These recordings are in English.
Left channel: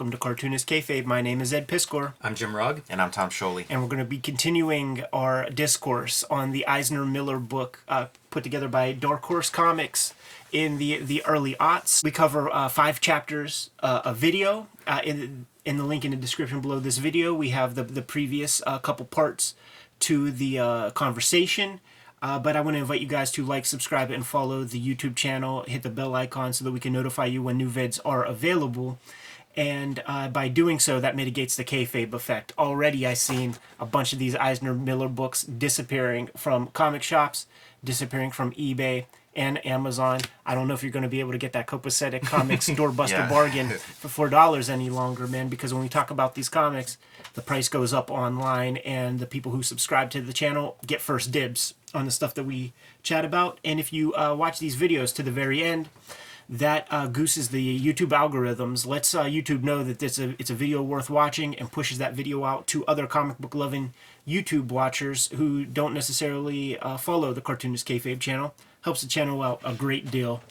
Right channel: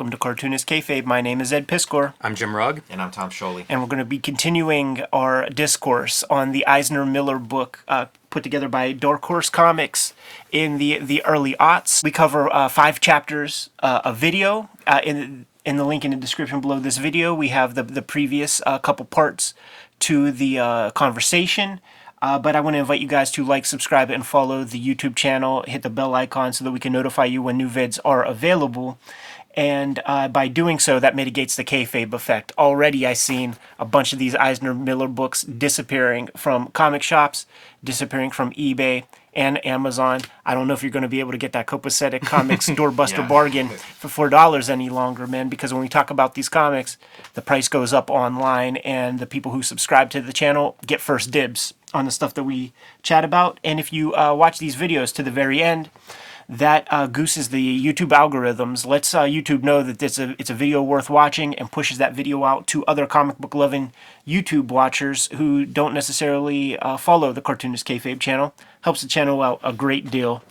welcome to Cartoonist Kayfabe. My name is Ed Piskor. I'm Jim Rugg. And I'm Tom Scholey. And we're going to be continuing our discourse on the Eisner Miller book put together by Dark Horse Comics in the early aughts. We cover 5 chapters of video. In the link in the description below this video, we have the previous couple parts to the conversation. But I want to invite you guys to like, subscribe, and follow the YouTube channel. Hit the bell icon so that we can notify you when new vids are available. And by doing so, that mitigates the kayfabe effect. Already I've seen a bunch of these Eisner Miller books disappearing from comic shops, disappearing from eBay and Amazon. I don't know if you're going to be able to get that copacetic comics doorbuster bargain for $4 any longer, man, because when we talk about these comics, the price goes up online, and the people who subscribe to the channel get first dibs on the stuff that we chat about. And if you watch these videos to the very end, that gooses the YouTube algorithms, lets YouTube know that it's a video worth watching, and pushes that video out to other comic book loving YouTube watchers who don't necessarily follow the Cartoonist Kayfabe channel. Helps the channel out a great deal.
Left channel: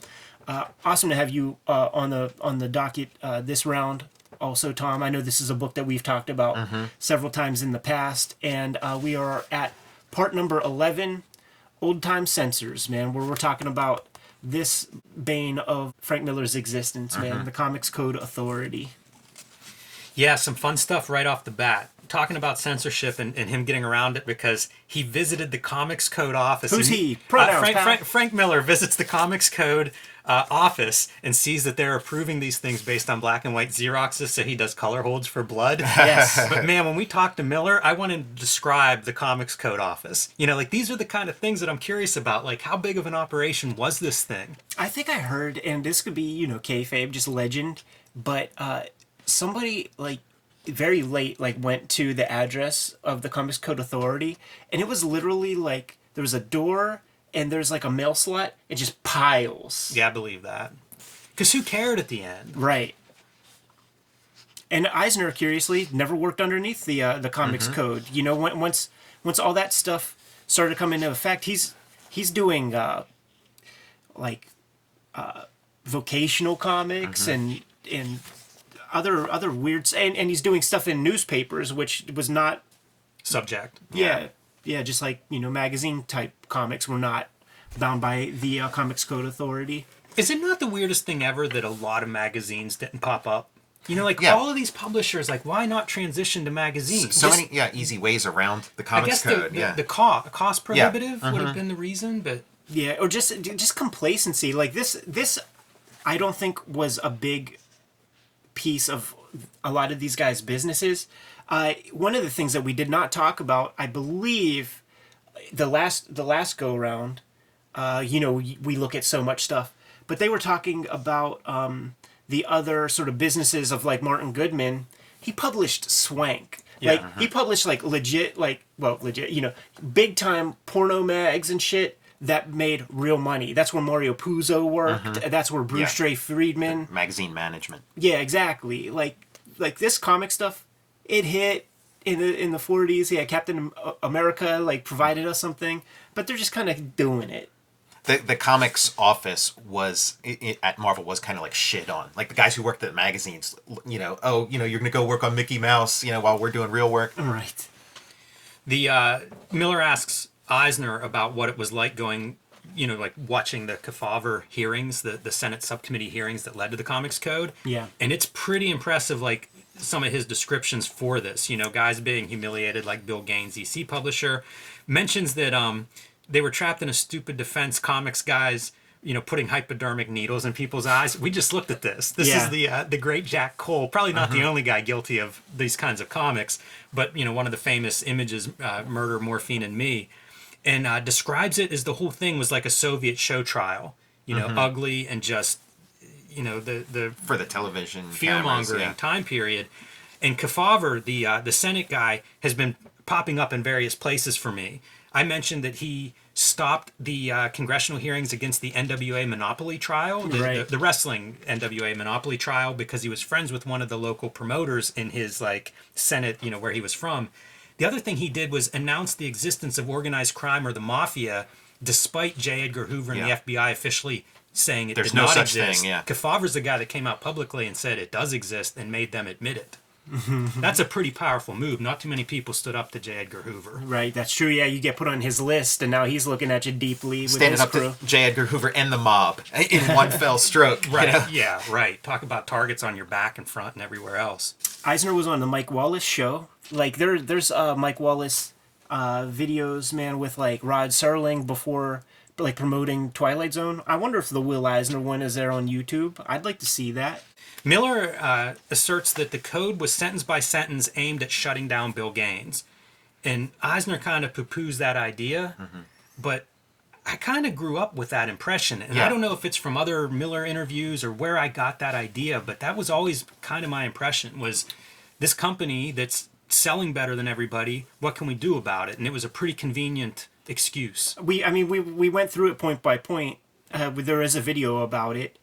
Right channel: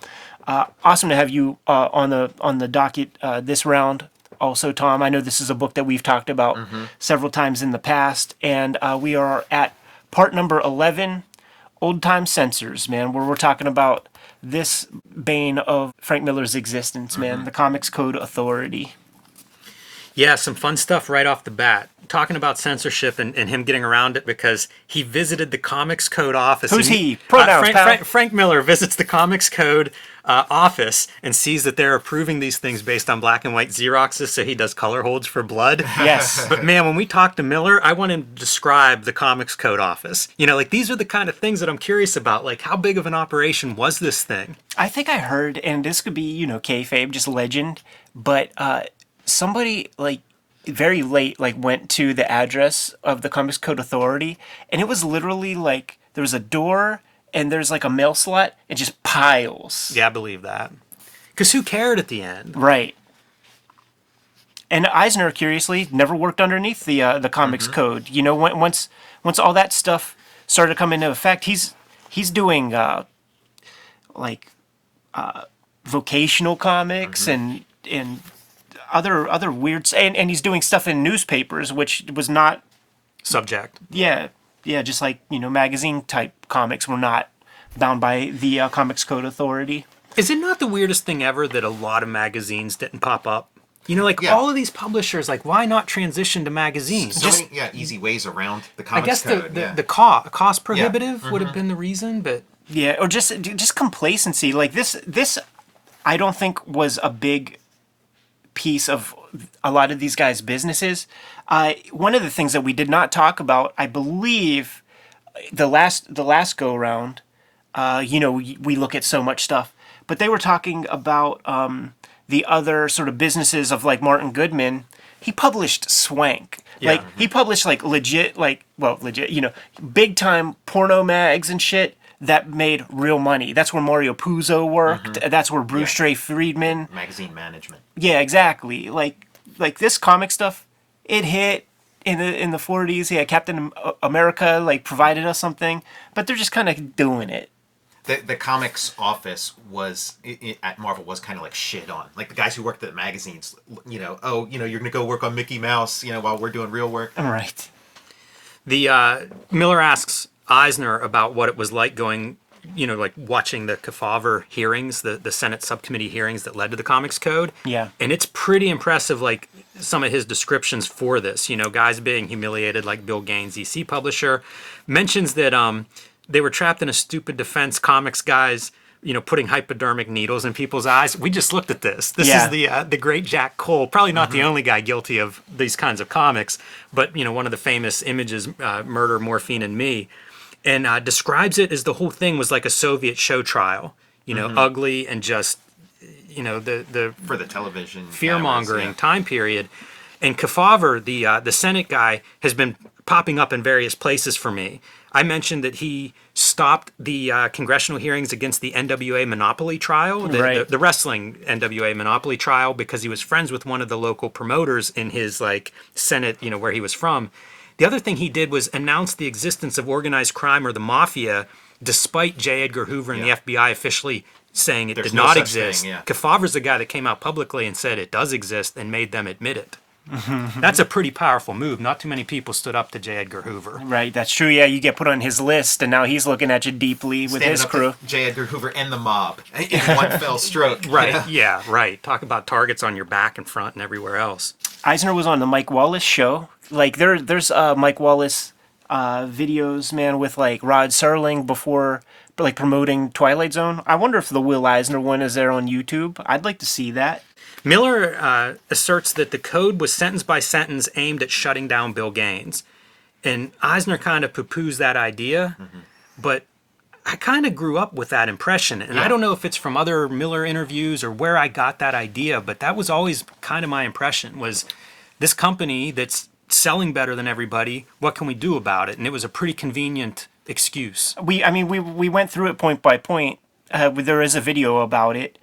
Awesome to have you on the docket this round. Also, Tom, I know this is a book that we've talked about several times in the past, and we are at part number 11, Old Time Censors, man, where we're talking about this bane of Frank Miller's existence, man, the Comics Code Authority. Yeah, some fun stuff right off the bat. Talking about censorship and him getting around it because he visited the Comics Code office. Who's he? Pronouns, Frank Miller visits the Comics Code office and sees that they're approving these things based on black and white Xeroxes, so he does color holds for blood. Yes. But man, when we talk to Miller, I want him to describe the Comics Code office. You know, like, these are the kind of things that I'm curious about. Like, how big of an operation was this thing? I think I heard, and this could be, kayfabe, just legend, but somebody, very late, went to the address of the Comics Code Authority, and it was literally, there was a door, and there's, a mail slot, and just piles. Yeah, I believe that. Because who cared at the end? Right. And Eisner, curiously, never worked underneath the Comics Code. Once all that stuff started to come into effect, he's doing, vocational comics and other weird, and he's doing stuff in newspapers, which was not Subject. Yeah, just magazine type comics were not bound by the Comics Code Authority. Is it not the weirdest thing ever that a lot of magazines didn't pop up? All of these publishers, why not transition to magazines? So many easy ways around the Comics Code. The cost prohibitive would have been the reason, but yeah, or just complacency. This I don't think was a big piece of a lot of these guys' businesses. One of the things that we did not talk about, I believe, the last go round, we look at so much stuff, but they were talking about the other sort of businesses of Martin Goodman. He published Swank. He published legit, big time porno mags and shit that made real money. That's where Mario Puzo worked. That's where Bruce Ray Friedman. Magazine management. Yeah, exactly. Like this comic stuff, it hit in the 40s. Yeah, Captain America provided us something, but they're just kind of doing it. The comics office was at Marvel was kind of shit on. The guys who worked at the magazines, you're going to go work on Mickey Mouse, while we're doing real work. Right. The Miller asks Eisner about what it was like going, watching the Kayfabe hearings, the Senate subcommittee hearings that led to the Comics Code. Yeah. And it's pretty impressive, some of his descriptions for this, guys being humiliated, like Bill Gaines, EC publisher, mentions that they were trapped in a stupid defense, comics guys, putting hypodermic needles in people's eyes. We just looked at this. This is the great Jack Cole, probably not the only guy guilty of these kinds of comics, but, one of the famous images, Murder, Morphine, and Me, and describes it as the whole thing was like a Soviet show trial, ugly and just, the for the television fear-mongering time period. And Kayfabe, the Senate guy, has been popping up in various places for me. I mentioned that he stopped the congressional hearings against the NWA Monopoly trial, the wrestling NWA Monopoly trial, because he was friends with one of the local promoters in his Senate, where he was from. The other thing he did was announce the existence of organized crime or the mafia, despite J. Edgar Hoover and the FBI officially saying it There's did no not such exist. thing, yeah. Kayfabe's the guy that came out publicly and said it does exist and made them admit it. That's a pretty powerful move. Not too many people stood up to J. Edgar Hoover. Right, that's true. Yeah, you get put on his list, and now he's looking at you deeply with Standing his up crew. to J. Edgar Hoover and the mob in one fell stroke. you Right. know? Yeah, right. Talk about targets on your back and front and everywhere else. Eisner was on the Mike Wallace show. Like there's Mike Wallace videos, man, with like Rod Serling before, like promoting Twilight Zone. I wonder if the Will Eisner one is there on YouTube. I'd like to see that. Miller asserts that the code was sentence by sentence aimed at shutting down Bill Gaines. And Eisner kind of poo-poos that idea, but I kind of grew up with that impression. And I don't know if it's from other Miller interviews or where I got that idea, but that was always kind of my impression, was this company that's selling better than everybody, what can we do about it? And it was a pretty convenient excuse. We went through it point by point. There is a video about it.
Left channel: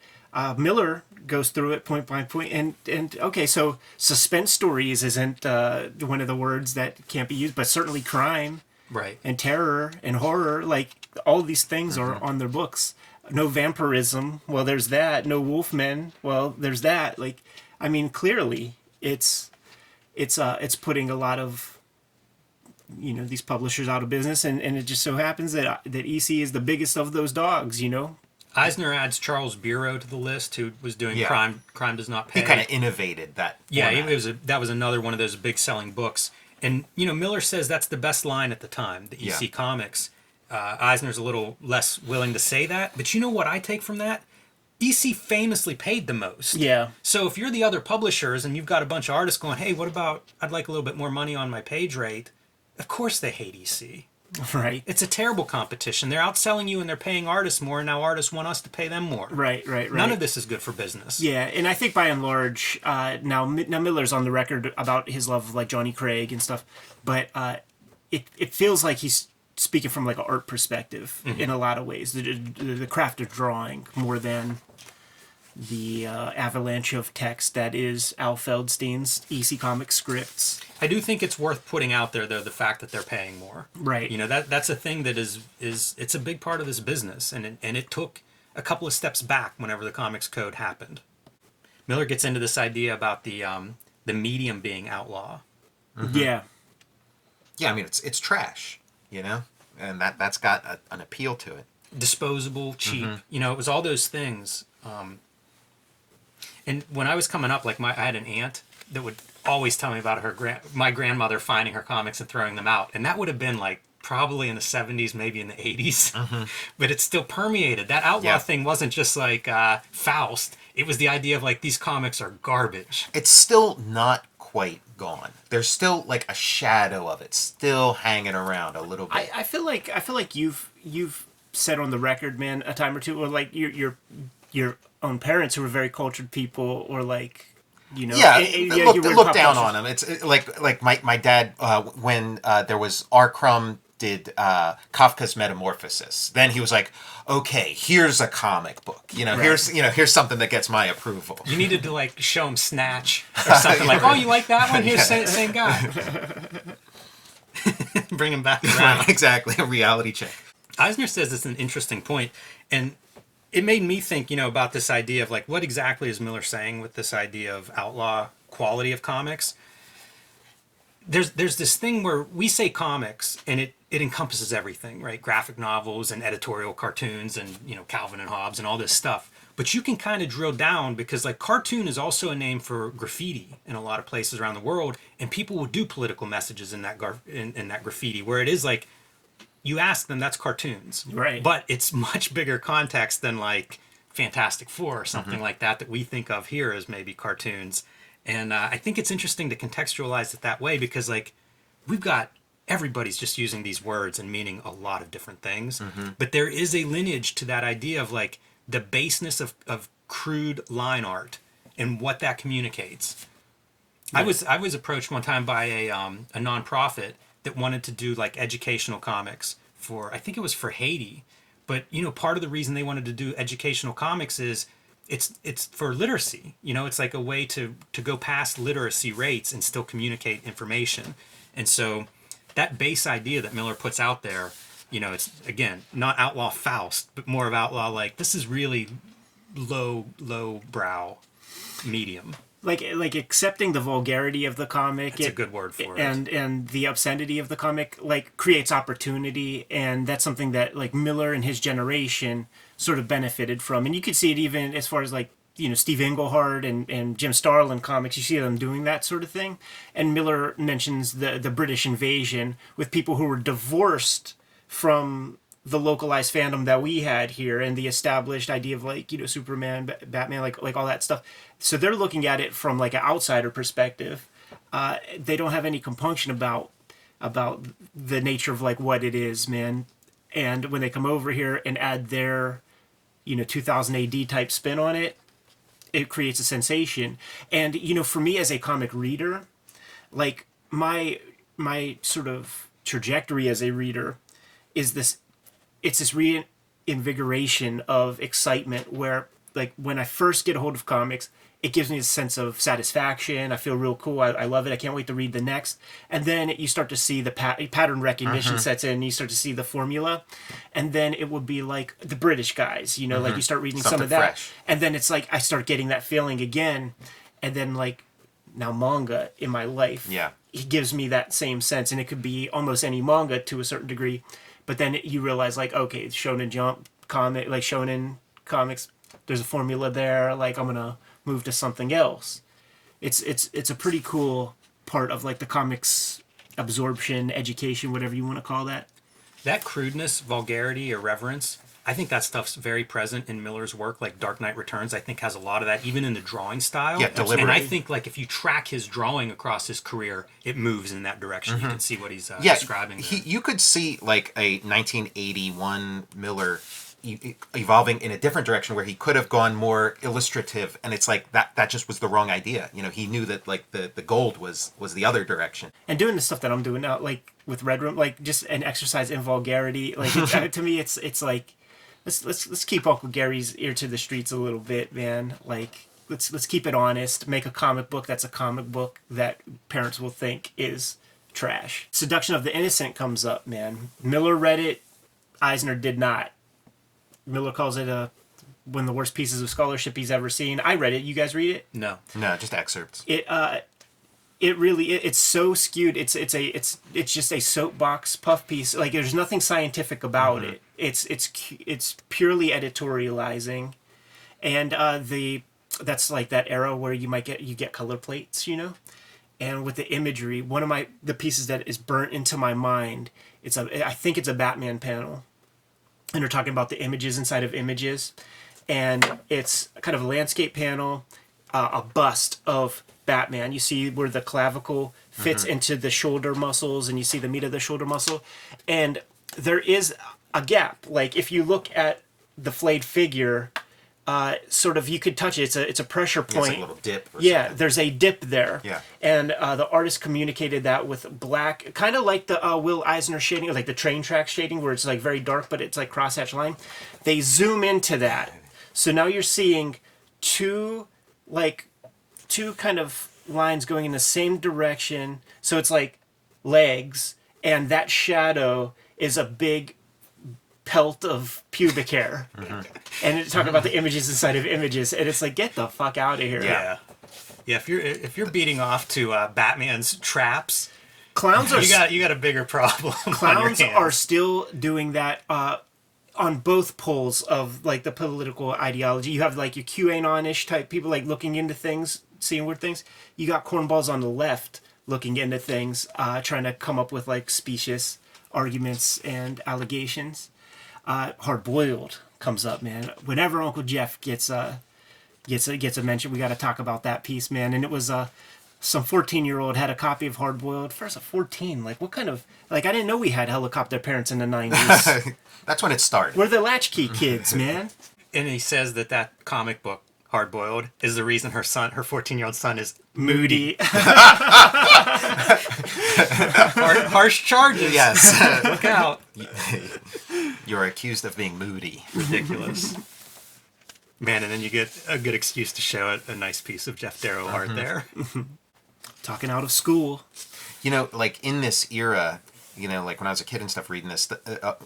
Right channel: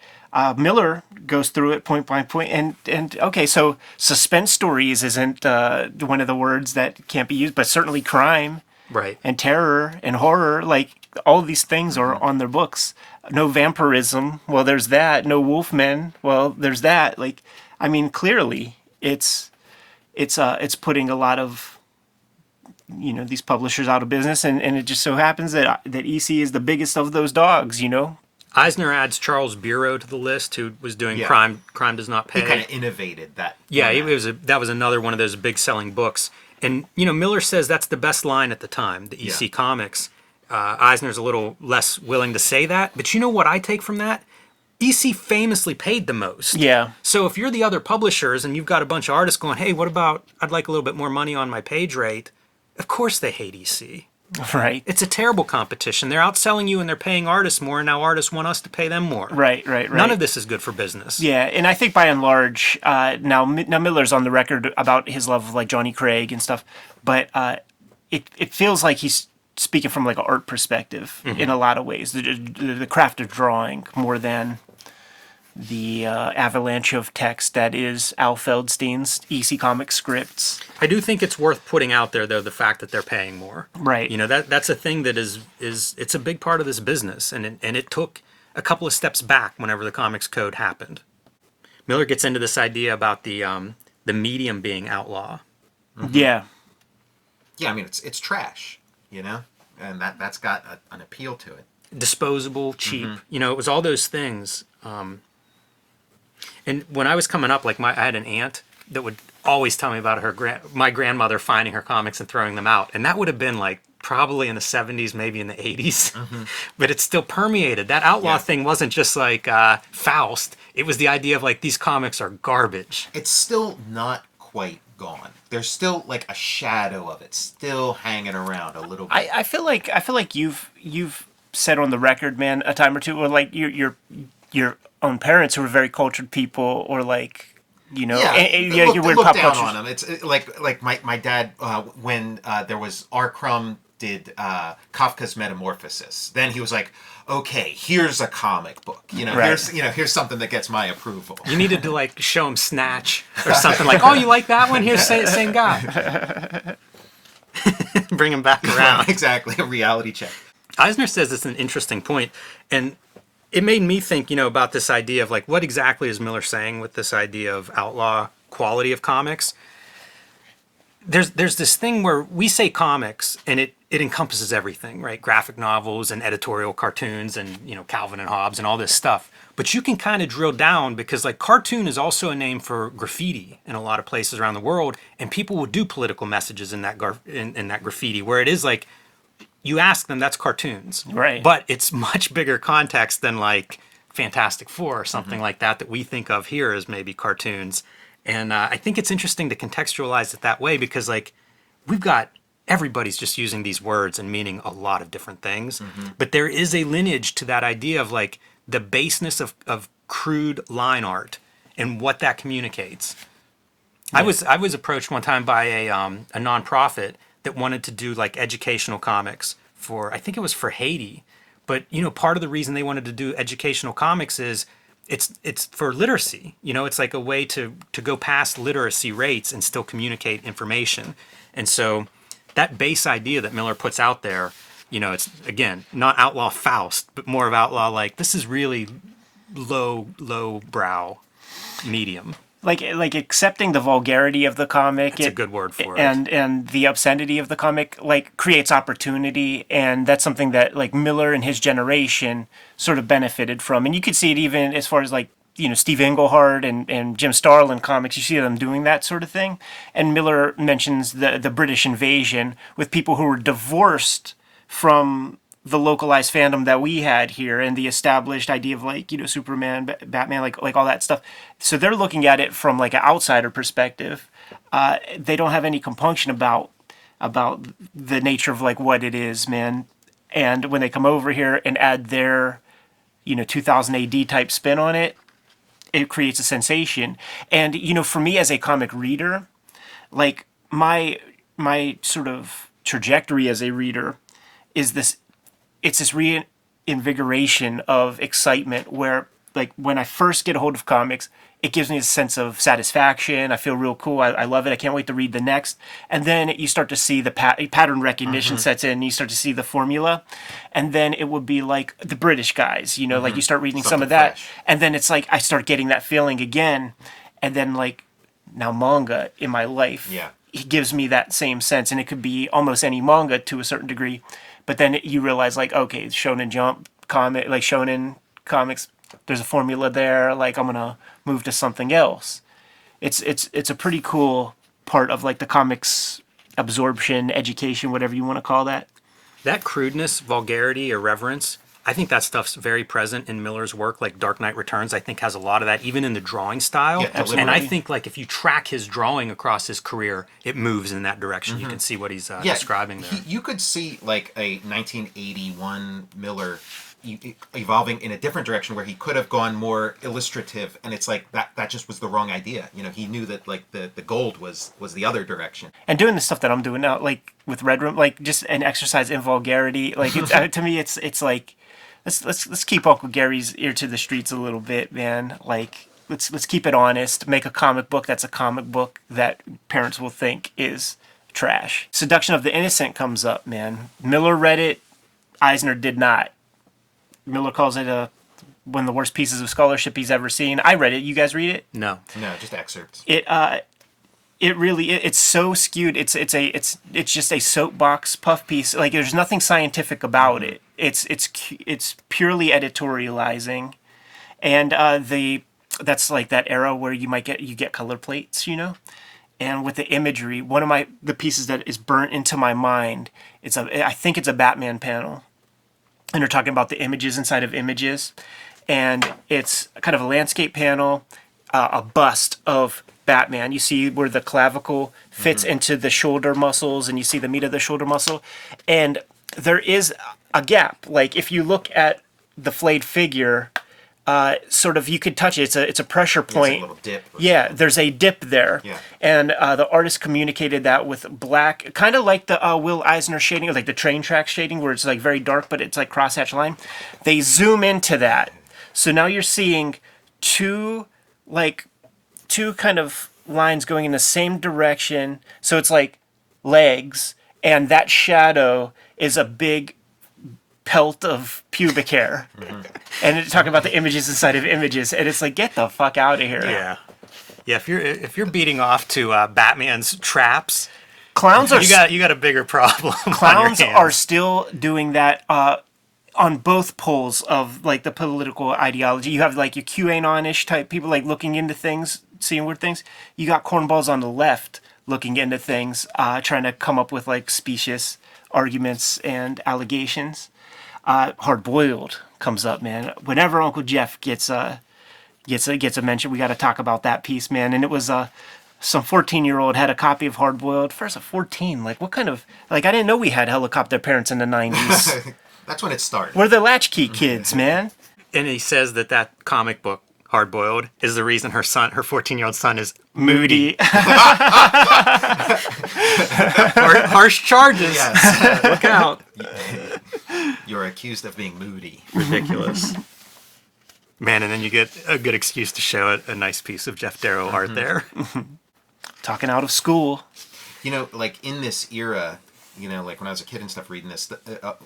Miller goes through it point by point, and okay, so suspense stories isn't one of the words that can't be used, but certainly crime, Right. and terror and horror, like all of these things are on their books. No vampirism, well, there's that. No wolfmen, well, there's that. Like, I mean, clearly, it's putting a lot of these publishers out of business, and it just so happens that EC is the biggest of those dogs. Eisner adds Charles Bureau to the list, who was doing Yeah. Crime Does Not Pay. He kind of innovated that. Yeah, format. that was another one of those big selling books. And, Miller says that's the best line at the time, the EC Comics. Eisner's a little less willing to say that. But you know what I take from that? EC famously paid the most. Yeah. So if you're the other publishers and you've got a bunch of artists going, hey, what about, I'd like a little bit more money on my page rate, of course they hate EC. Right. It's a terrible competition. They're outselling you and they're paying artists more, and now artists want us to pay them more. Right. None of this is good for business. Yeah, and I think by and large, now Miller's on the record about his love of like Johnny Craig and stuff, but it feels like he's speaking from like an art perspective in a lot of ways, the craft of drawing more than the avalanche of text that is Al Feldstein's EC Comics scripts. I do think it's worth putting out there, though, the fact that they're paying more. Right. That's a thing that is it's a big part of this business, and it took a couple of steps back whenever the Comics Code happened. Miller gets into this idea about the medium being outlaw. Yeah. Yeah, I mean it's trash, and that's got an appeal to it. Disposable, cheap. It was all those things. And when I was coming up, like I had an aunt that would always tell me about my grandmother finding her comics and throwing them out, and that would have been like probably in the 70s, maybe in the 80s, but it still permeated. That outlaw thing wasn't just like Faust. It was the idea of like these comics are garbage. It's still not quite gone. There's still like a shadow of it still hanging around a little bit. I feel like you've said on the record, man, a time or two, or like your own parents who were very cultured people, or like Look weird down pop on them. It's like my dad when there was R. Crumb did Kafka's Metamorphosis. Then he was like, okay, here's a comic book. Here's something that gets my approval. You needed to like show him Snatch or something like, oh, you like that one? Here's same guy. Bring him back around. Right, exactly, a reality check. Eisner says it's an interesting point, and it made me think, about this idea of like, what exactly is Miller saying with this idea of outlaw quality of comics? There's this thing where we say comics and it encompasses everything, right? Graphic novels and editorial cartoons and, Calvin and Hobbes and all this stuff. But you can kind of drill down, because like cartoon is also a name for graffiti in a lot of places around the world, and people will do political messages in that in that graffiti, where it is like, you ask them, that's cartoons. Right. But it's much bigger context than like Fantastic Four or something like that we think of here as maybe cartoons. And I think it's interesting to contextualize it that way, because like everybody's just using these words and meaning a lot of different things. But there is a lineage to that idea of like the baseness of crude line art and what that communicates. Yeah. I was approached one time by a nonprofit that wanted to do like educational comics I think it was for Haiti. But, part of the reason they wanted to do educational comics is it's for literacy. It's like a way to go past literacy rates and still communicate information. And so that base idea that Miller puts out there, You know, it's, again, not outlaw Faust, but more of outlaw, like, this is really low brow medium. Like accepting the vulgarity of the comic. It's a good word for it. And the obscenity of the comic, like, creates opportunity, and that's something that, like, Miller and his generation sort of benefited from. And you could see it even as far as, like, you know, Steve Englehart and Jim Starlin comics. You see them doing that sort of thing. And Miller mentions the British invasion with people who were divorced from the localized fandom that we had here and the established idea of, like, you know, Superman, Batman, like all that stuff. So they're looking at it from, like, an outsider perspective. They don't have any compunction about the nature of, like, what it is, man. And when they come over here and add their, you know, 2000 AD type spin on it, it creates a sensation. And, you know, for me as a comic reader, like, my sort of trajectory as a reader is this reinvigoration of excitement where, like, when I first get a hold of comics, it gives me a sense of satisfaction. I feel real cool. I love it. I can't wait to read the next. And then you start to see the pattern recognition sets in. You start to see the formula. And then it would be like the British guys, you know, like you start reading Something some of that. fresh. And then it's like I start getting that feeling again. And then, like, now manga in my life, Yeah. it gives me that same sense. And it could be almost any manga to a certain degree. But then you realize, like, okay, it's Shonen Jump comic, like Shonen comics, there's a formula there. Like, I'm going to move to something else. It's a pretty cool part of, like, the comics absorption, education, whatever you want to call that. That crudeness, vulgarity, irreverence, I think that stuff's very present in Miller's work. Like Dark Knight Returns, I think, has a lot of that, even in the drawing style. Yeah, deliberately. And I think, like, if you track his drawing across his career, it moves in that direction. You can see what he's describing there. You could see, like, a 1981 Miller evolving in a different direction where he could have gone more illustrative, and it's like that just was the wrong idea. You know, he knew that, like, the gold was the other direction. And doing the stuff that I'm doing now, like with Red Room, like, just an exercise in vulgarity. Like, to me, it's like, let's keep Uncle Gary's ear to the streets a little bit, man. Like, let's keep it honest. Make a comic book that's a comic book that parents will think is trash. Seduction of the Innocent comes up, man. Miller read it. Eisner did not. Miller calls it one of the worst pieces of scholarship he's ever seen. I read it. You guys read it? No. No, just excerpts. It's so skewed. It's just a soapbox puff piece. Like, there's nothing scientific about it. It's purely editorializing, and that's like that era where you get color plates, you know, and with the imagery. One of the pieces that is burnt into my mind. I think it's a Batman panel. And they're talking about the images inside of images. And it's kind of a landscape panel, a bust of Batman. You see where the clavicle fits into the shoulder muscles, and you see the meat of the shoulder muscle. And there is a gap. Like, if you look at the flayed figure, sort of, you could touch it. It's a pressure point. It's like a little dip or Yeah, something. there's a dip there. Yeah. And the artist communicated that with black, kind of like the Will Eisner shading, or like the train track shading, where it's, like, very dark, but it's like crosshatch line. They zoom into that. So now you're seeing two kind of lines going in the same direction. So it's like legs, and that shadow is a big pelt of pubic hair. And it's talking about the images inside of images, and it's like, get the fuck out of here. Yeah. If you're beating off to Batman's traps, Clowns are you got a bigger problem. clowns are still doing that on both poles of, like, the political ideology. You have, like, your QAnon-ish type people, like, looking into things, seeing weird things. You got cornballs on the left looking into things, trying to come up with, like, specious arguments and allegations. Hard Boiled comes up, man. Whenever Uncle Jeff gets a mention, we got to talk about that piece, man. And it was some 14-year-old had a copy of Hard Boiled. First of 14, like, what kind of, like, I didn't know we had helicopter parents in the 90s. That's when it started. We're the latchkey kids, man. And he says that comic book, Hard Boiled, is the reason her 14-year-old son is Moody. harsh charges. Yes. Look out. You're accused of being moody. Ridiculous. Man, and then you get a good excuse to show a nice piece of Jeff Darrow art there. Talking out of school. You know, like, in this era, like when I was a kid and stuff, reading this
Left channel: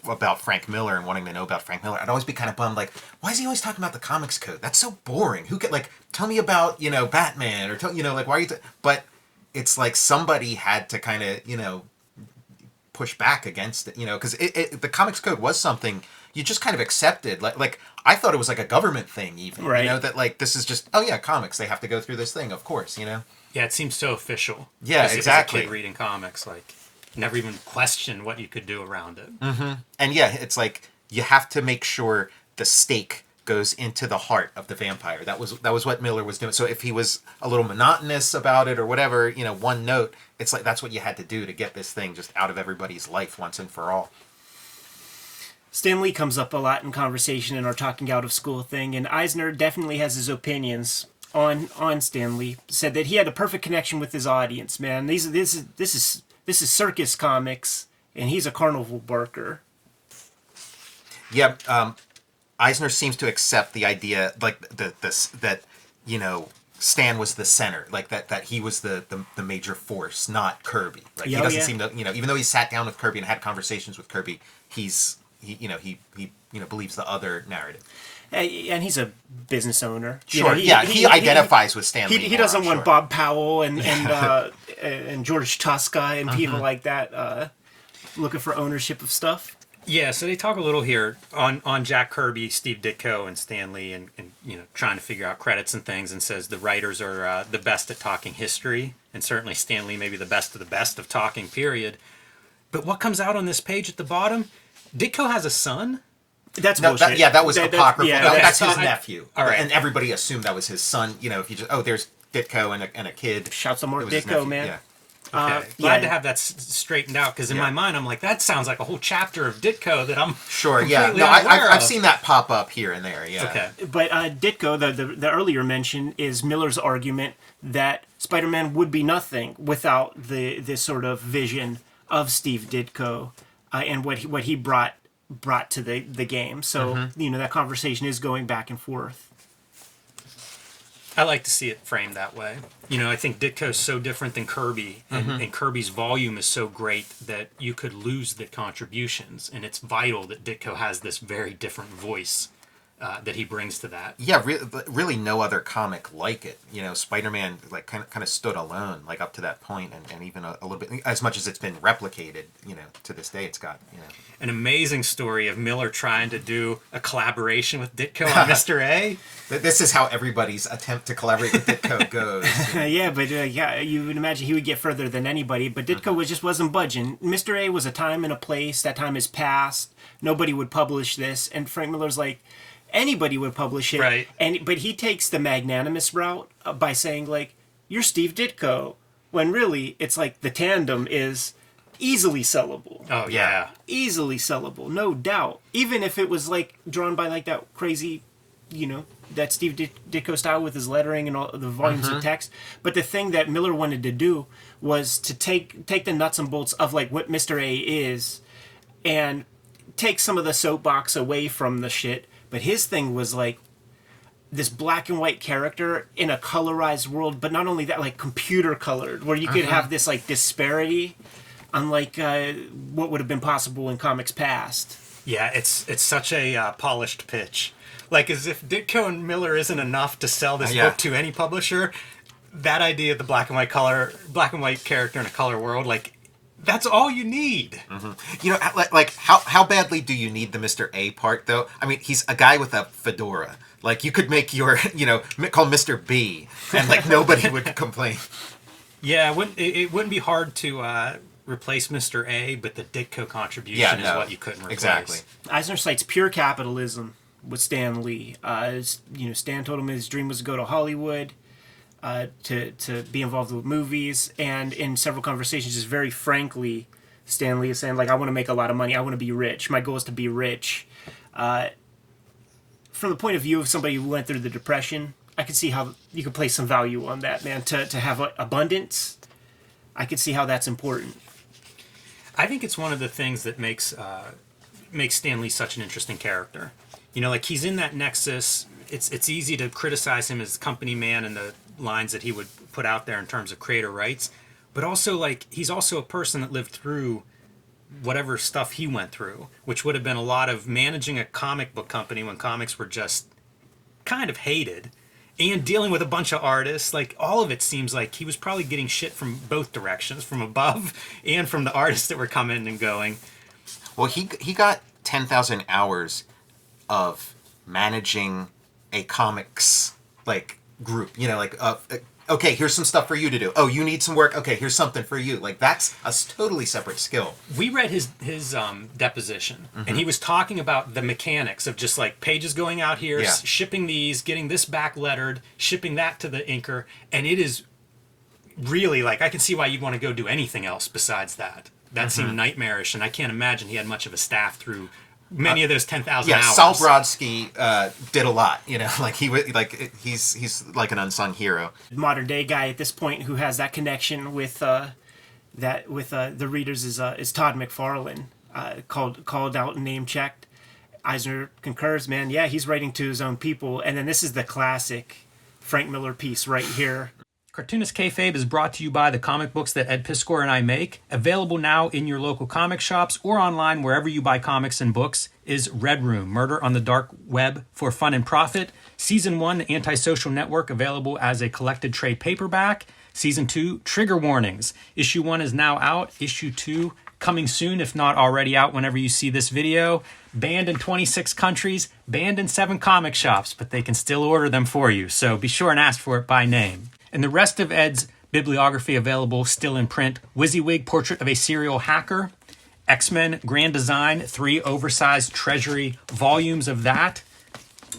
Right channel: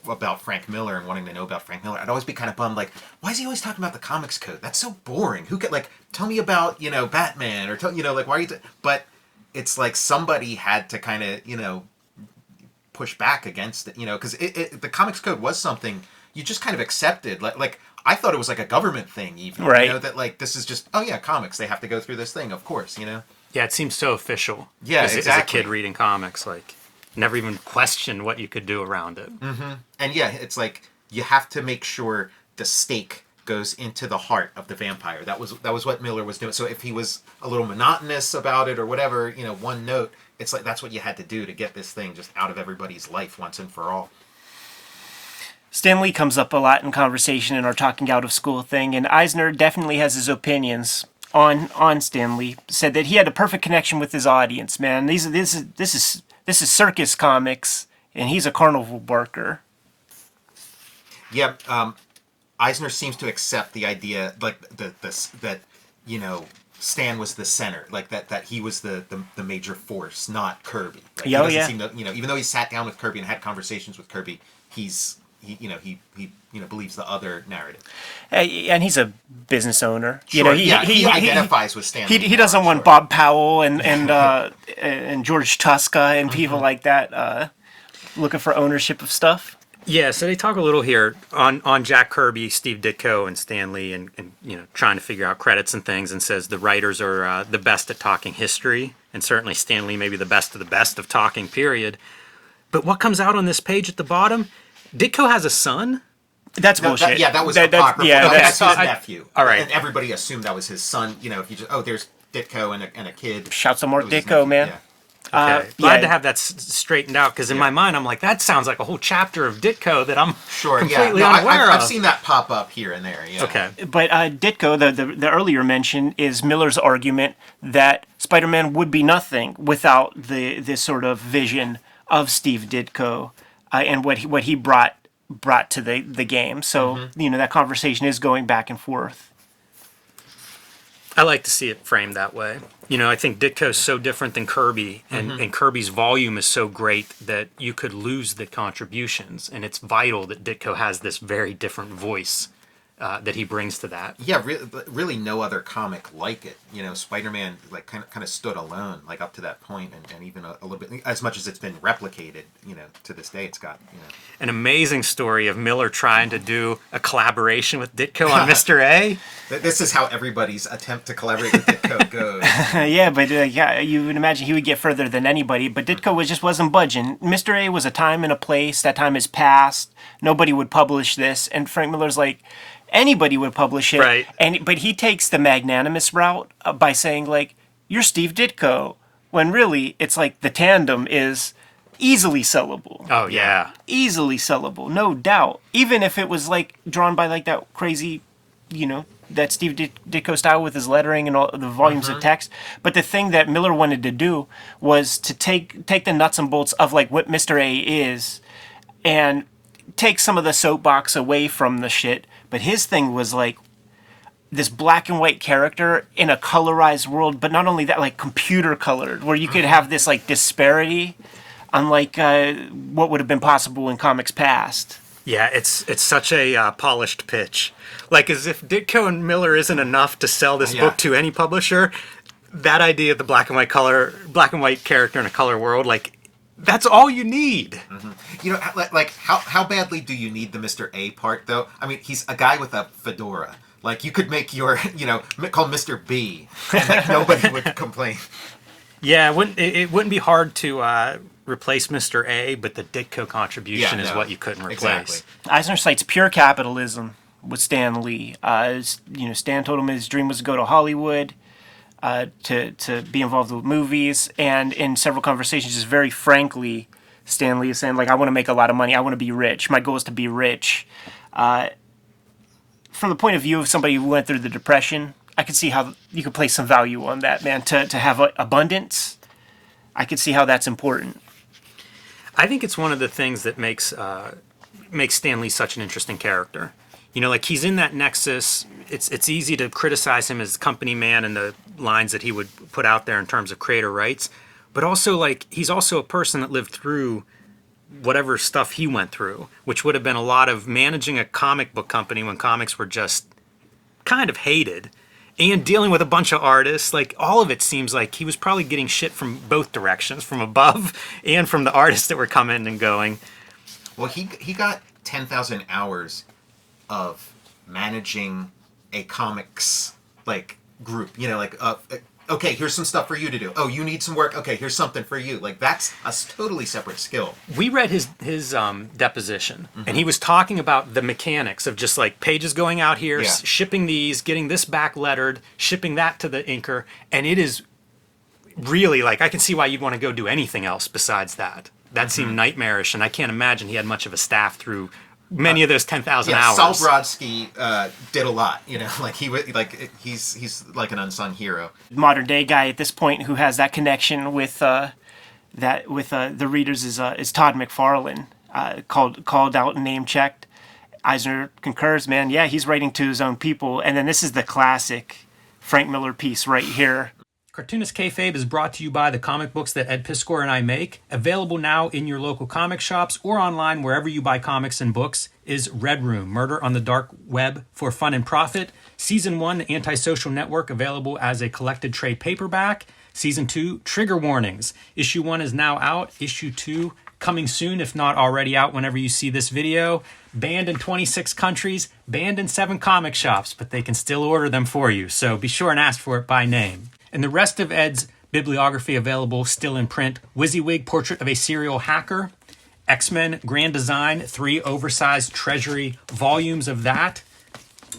about Frank Miller and wanting to know about Frank Miller, I'd always be kind of bummed, like, why is he always talking about the comics code? That's so boring. Who could, like, tell me about, Batman, or tell, like, why are you, but it's like somebody had to kind of, push back against it, because the comics code was something you just kind of accepted. Like I thought it was like a government thing, even, right. that like, this is just, oh yeah, comics, they have to go through this thing, of course, Yeah, it seems so official. Yeah, As exactly. a kid reading comics, like, never even questioned what you could do around it. Mm-hmm. And yeah, it's like, you have to make sure the stake goes into the heart of the vampire. That was what Miller was doing. So if he was a little monotonous about it or whatever, one note, it's like, that's what you had to do to get this thing just out of everybody's life once and for all. Stan Lee comes up a lot in conversation in our talking out of school thing, and Eisner definitely has his opinions on Stan Lee. Said that he had a perfect connection with his audience. Man, this is circus comics, and he's a carnival worker. Yeah, Eisner seems to accept the idea, like that Stan was the center, like that he was the major force, not Kirby. Like, he doesn't seem to, even though he sat down with Kirby and had conversations with Kirby, he believes the other narrative. And he's a business owner. Sure, he identifies with Stan Lee. He doesn't want Bob Powell and George Tuska and people like that looking for ownership of stuff. Yeah, so they talk a little here on Jack Kirby, Steve Ditko, and Stan Lee, and trying to figure out credits and things, and says the writers are the best at talking history, and certainly Stan Lee maybe the best of talking, period. But what comes out on this page at the bottom? Ditko has a son? That's bullshit. That was apocryphal. That's his I, nephew. All right. And everybody assumed that was his son. If you just, there's Ditko and a kid. Shout some more Ditko, man. Yeah. Okay. Glad to have that straightened out, because in my mind I'm like, that sounds like a whole chapter of Ditko that I'm sure. Yeah, no, I've seen that pop up here and there. Yeah. Okay. But Ditko, the earlier mention, is Miller's argument that Spider-Man would be nothing without this sort of vision of Steve Ditko and what he brought to the game. So that conversation is going back and forth. I like to see it framed that way. I think Ditko's so different than Kirby, and Kirby's volume is so great that you could lose the contributions, and it's vital that Ditko has this very different voice that he brings to that. Yeah, really no other comic like it. Spider-Man like kind of stood alone, like up to that point, and even a little bit, as much as it's been replicated, to this day, it's got, An amazing story of Miller trying to do a collaboration with Ditko on Mr. A. This is how everybody's attempt to collaborate with Ditko goes. Yeah, but you would imagine he would get further than anybody, but Ditko just wasn't budging. Mr. A was a time and a place. That time is past. Nobody would publish this, and Frank Miller's like, anybody would publish it. Right. But he takes the magnanimous route by saying, like, you're Steve Ditko, when really it's like the tandem is easily sellable. Oh, yeah. Easily sellable, no doubt. Even if it was like drawn by like that crazy, that Steve Ditko style with his lettering and all the volumes of text. But the thing that Miller wanted to do was to take the nuts and bolts of like what Mr. A is and take some of the soapbox away from the shit. But his thing was like this black and white character in a colorized world, but not only that, like computer colored, where you could have this like disparity, unlike what would have been possible in comics past. Yeah, it's such a polished pitch. Like, as if Ditko and Miller isn't enough to sell this book to any publisher, that idea of the black and white character in a color world, like, that's all you need. Like how badly do you need the Mr. A part, though? I mean, he's a guy with a fedora. Like, you could make call Mr. B, and like nobody would complain. Yeah, it wouldn't be hard to replace Mr. A, but the Ditko contribution is what you couldn't replace. Exactly. Eisner cites pure capitalism with Stan Lee. Stan told him his dream was to go to Hollywood. To be involved with movies, and in several conversations, just very frankly, Stan Lee is saying, like, I want to make a lot of money. I want to be rich. My goal is to be rich. From the point of view of somebody who went through the Depression, I could see how you could place some value on that, man. To have abundance, I could see how that's important. I think it's one of the things that makes Stan Lee such an interesting character. Like, he's in that nexus. It's easy to criticize him as company man and the lines that he would put out there in terms of creator rights, but also, like, he's also a person that lived through whatever stuff he went through, which would have been a lot of managing a comic book company when comics were just kind of hated, and dealing with a bunch of artists. Like, all of it seems like he was probably getting shit from both directions, from above and from the artists that were coming and going. Well, he got 10,000 hours of managing a comics like group, okay, here's some stuff for you to do. Oh, you need some work. Okay, here's something for you. Like, that's a totally separate skill. We read his deposition, and he was talking about the mechanics of just like pages going out here, shipping these, getting this back lettered, shipping that to the inker, and it is really like, I can see why you'd want to go do anything else besides that. That seemed nightmarish, and I can't imagine he had much of a staff through many of those 10,000 hours. Saul Brodsky did a lot, like he's like an unsung hero. Modern day guy at this point who has that connection with the readers is Todd McFarlane, called out and name checked. Eisner concurs, man. Yeah, he's writing to his own people, and then this is the classic Frank Miller piece right here. Cartoonist Kayfabe is brought to you by the comic books that Ed Piskor and I make. Available now in your local comic shops or online wherever you buy comics and books is Red Room, Murder on the Dark Web for Fun and Profit. Season 1, Antisocial Network, available as a collected trade paperback. Season 2, Trigger Warnings. Issue 1 is now out. Issue 2 coming soon, if not already out whenever you see this video. Banned in 26 countries, banned in 7 comic shops, but they can still order them for you, so be sure and ask for it by name. And the rest of Ed's bibliography available still in print. WYSIWYG, Portrait of a Serial Hacker. X-Men Grand Design, 3 oversized Treasury volumes of that.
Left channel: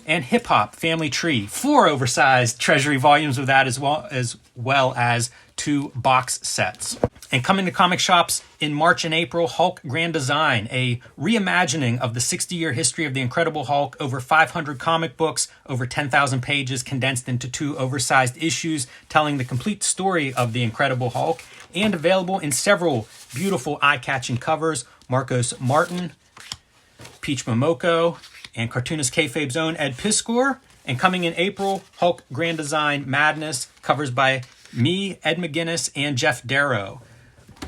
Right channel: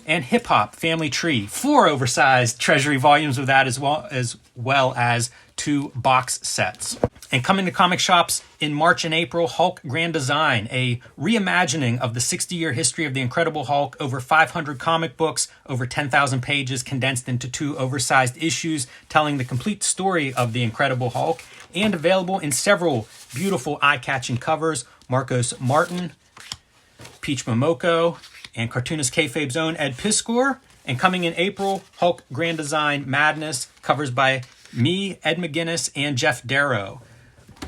And Hip Hop Family Tree, 4 oversized Treasury volumes of that, as well as 2 box sets. And coming to comic shops in March and April, Hulk Grand Design, a reimagining of the 60-year history of the Incredible Hulk, over 500 comic books, over 10,000 pages condensed into 2 oversized issues, telling the complete story of the Incredible Hulk, and available in several beautiful eye-catching covers. Marcos Martin, Peach Momoko, and Cartoonist Kayfabe's own Ed Piskor. And coming in April, Hulk Grand Design Madness, covers by me, Ed McGuinness, and Jeff Darrow.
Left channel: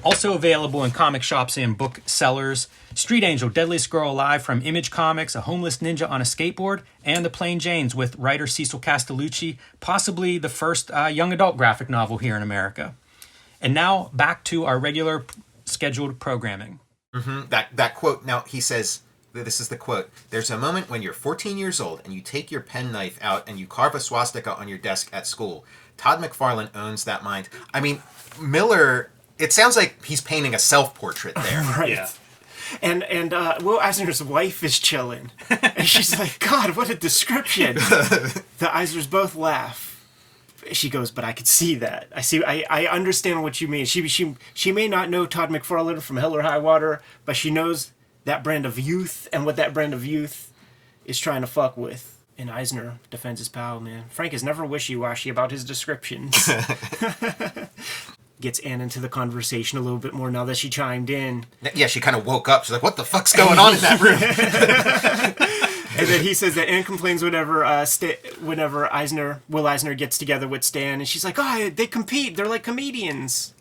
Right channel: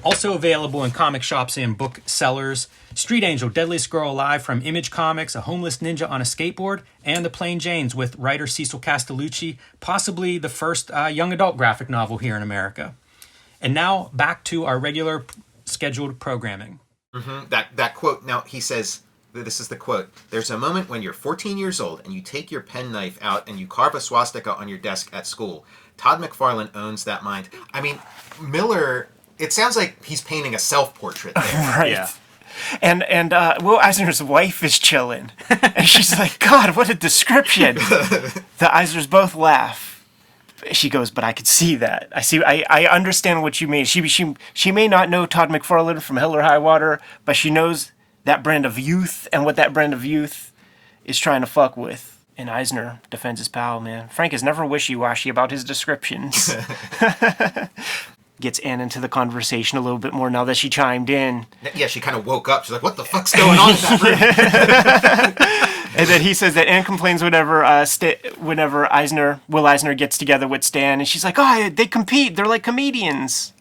Also available in comic shops and booksellers, Street Angel, Deadliest Girl Alive from Image Comics, a homeless ninja on a skateboard, and The Plain Janes with writer Cecil Castellucci, possibly the first young adult graphic novel here in America. And now back to our regular scheduled programming. That quote, now he says, this is the quote, "There's a moment when you're 14 years old and you take your penknife out and you carve a swastika on your desk at school. Todd McFarlane owns that mind." I mean, Miller, it sounds like he's painting a self-portrait there. Right. Yeah. And Will Eisner's wife is chilling. And she's like, God, what a description. The Eisners both laugh. She goes, but I could see that. I understand what you mean. She may not know Todd McFarlane from Hell or High Water, but she knows that brand of youth and what that brand of youth is trying to fuck with. And Eisner defends his pal, man. Frank is never wishy-washy about his descriptions. Gets Ann into the conversation a little bit more now that she chimed in. Yeah, she kind of woke up. She's like, what the fuck's going on in that room? And then he says that Ann complains whenever Will Eisner gets together with Stan. And she's like, oh, they compete. They're like comedians.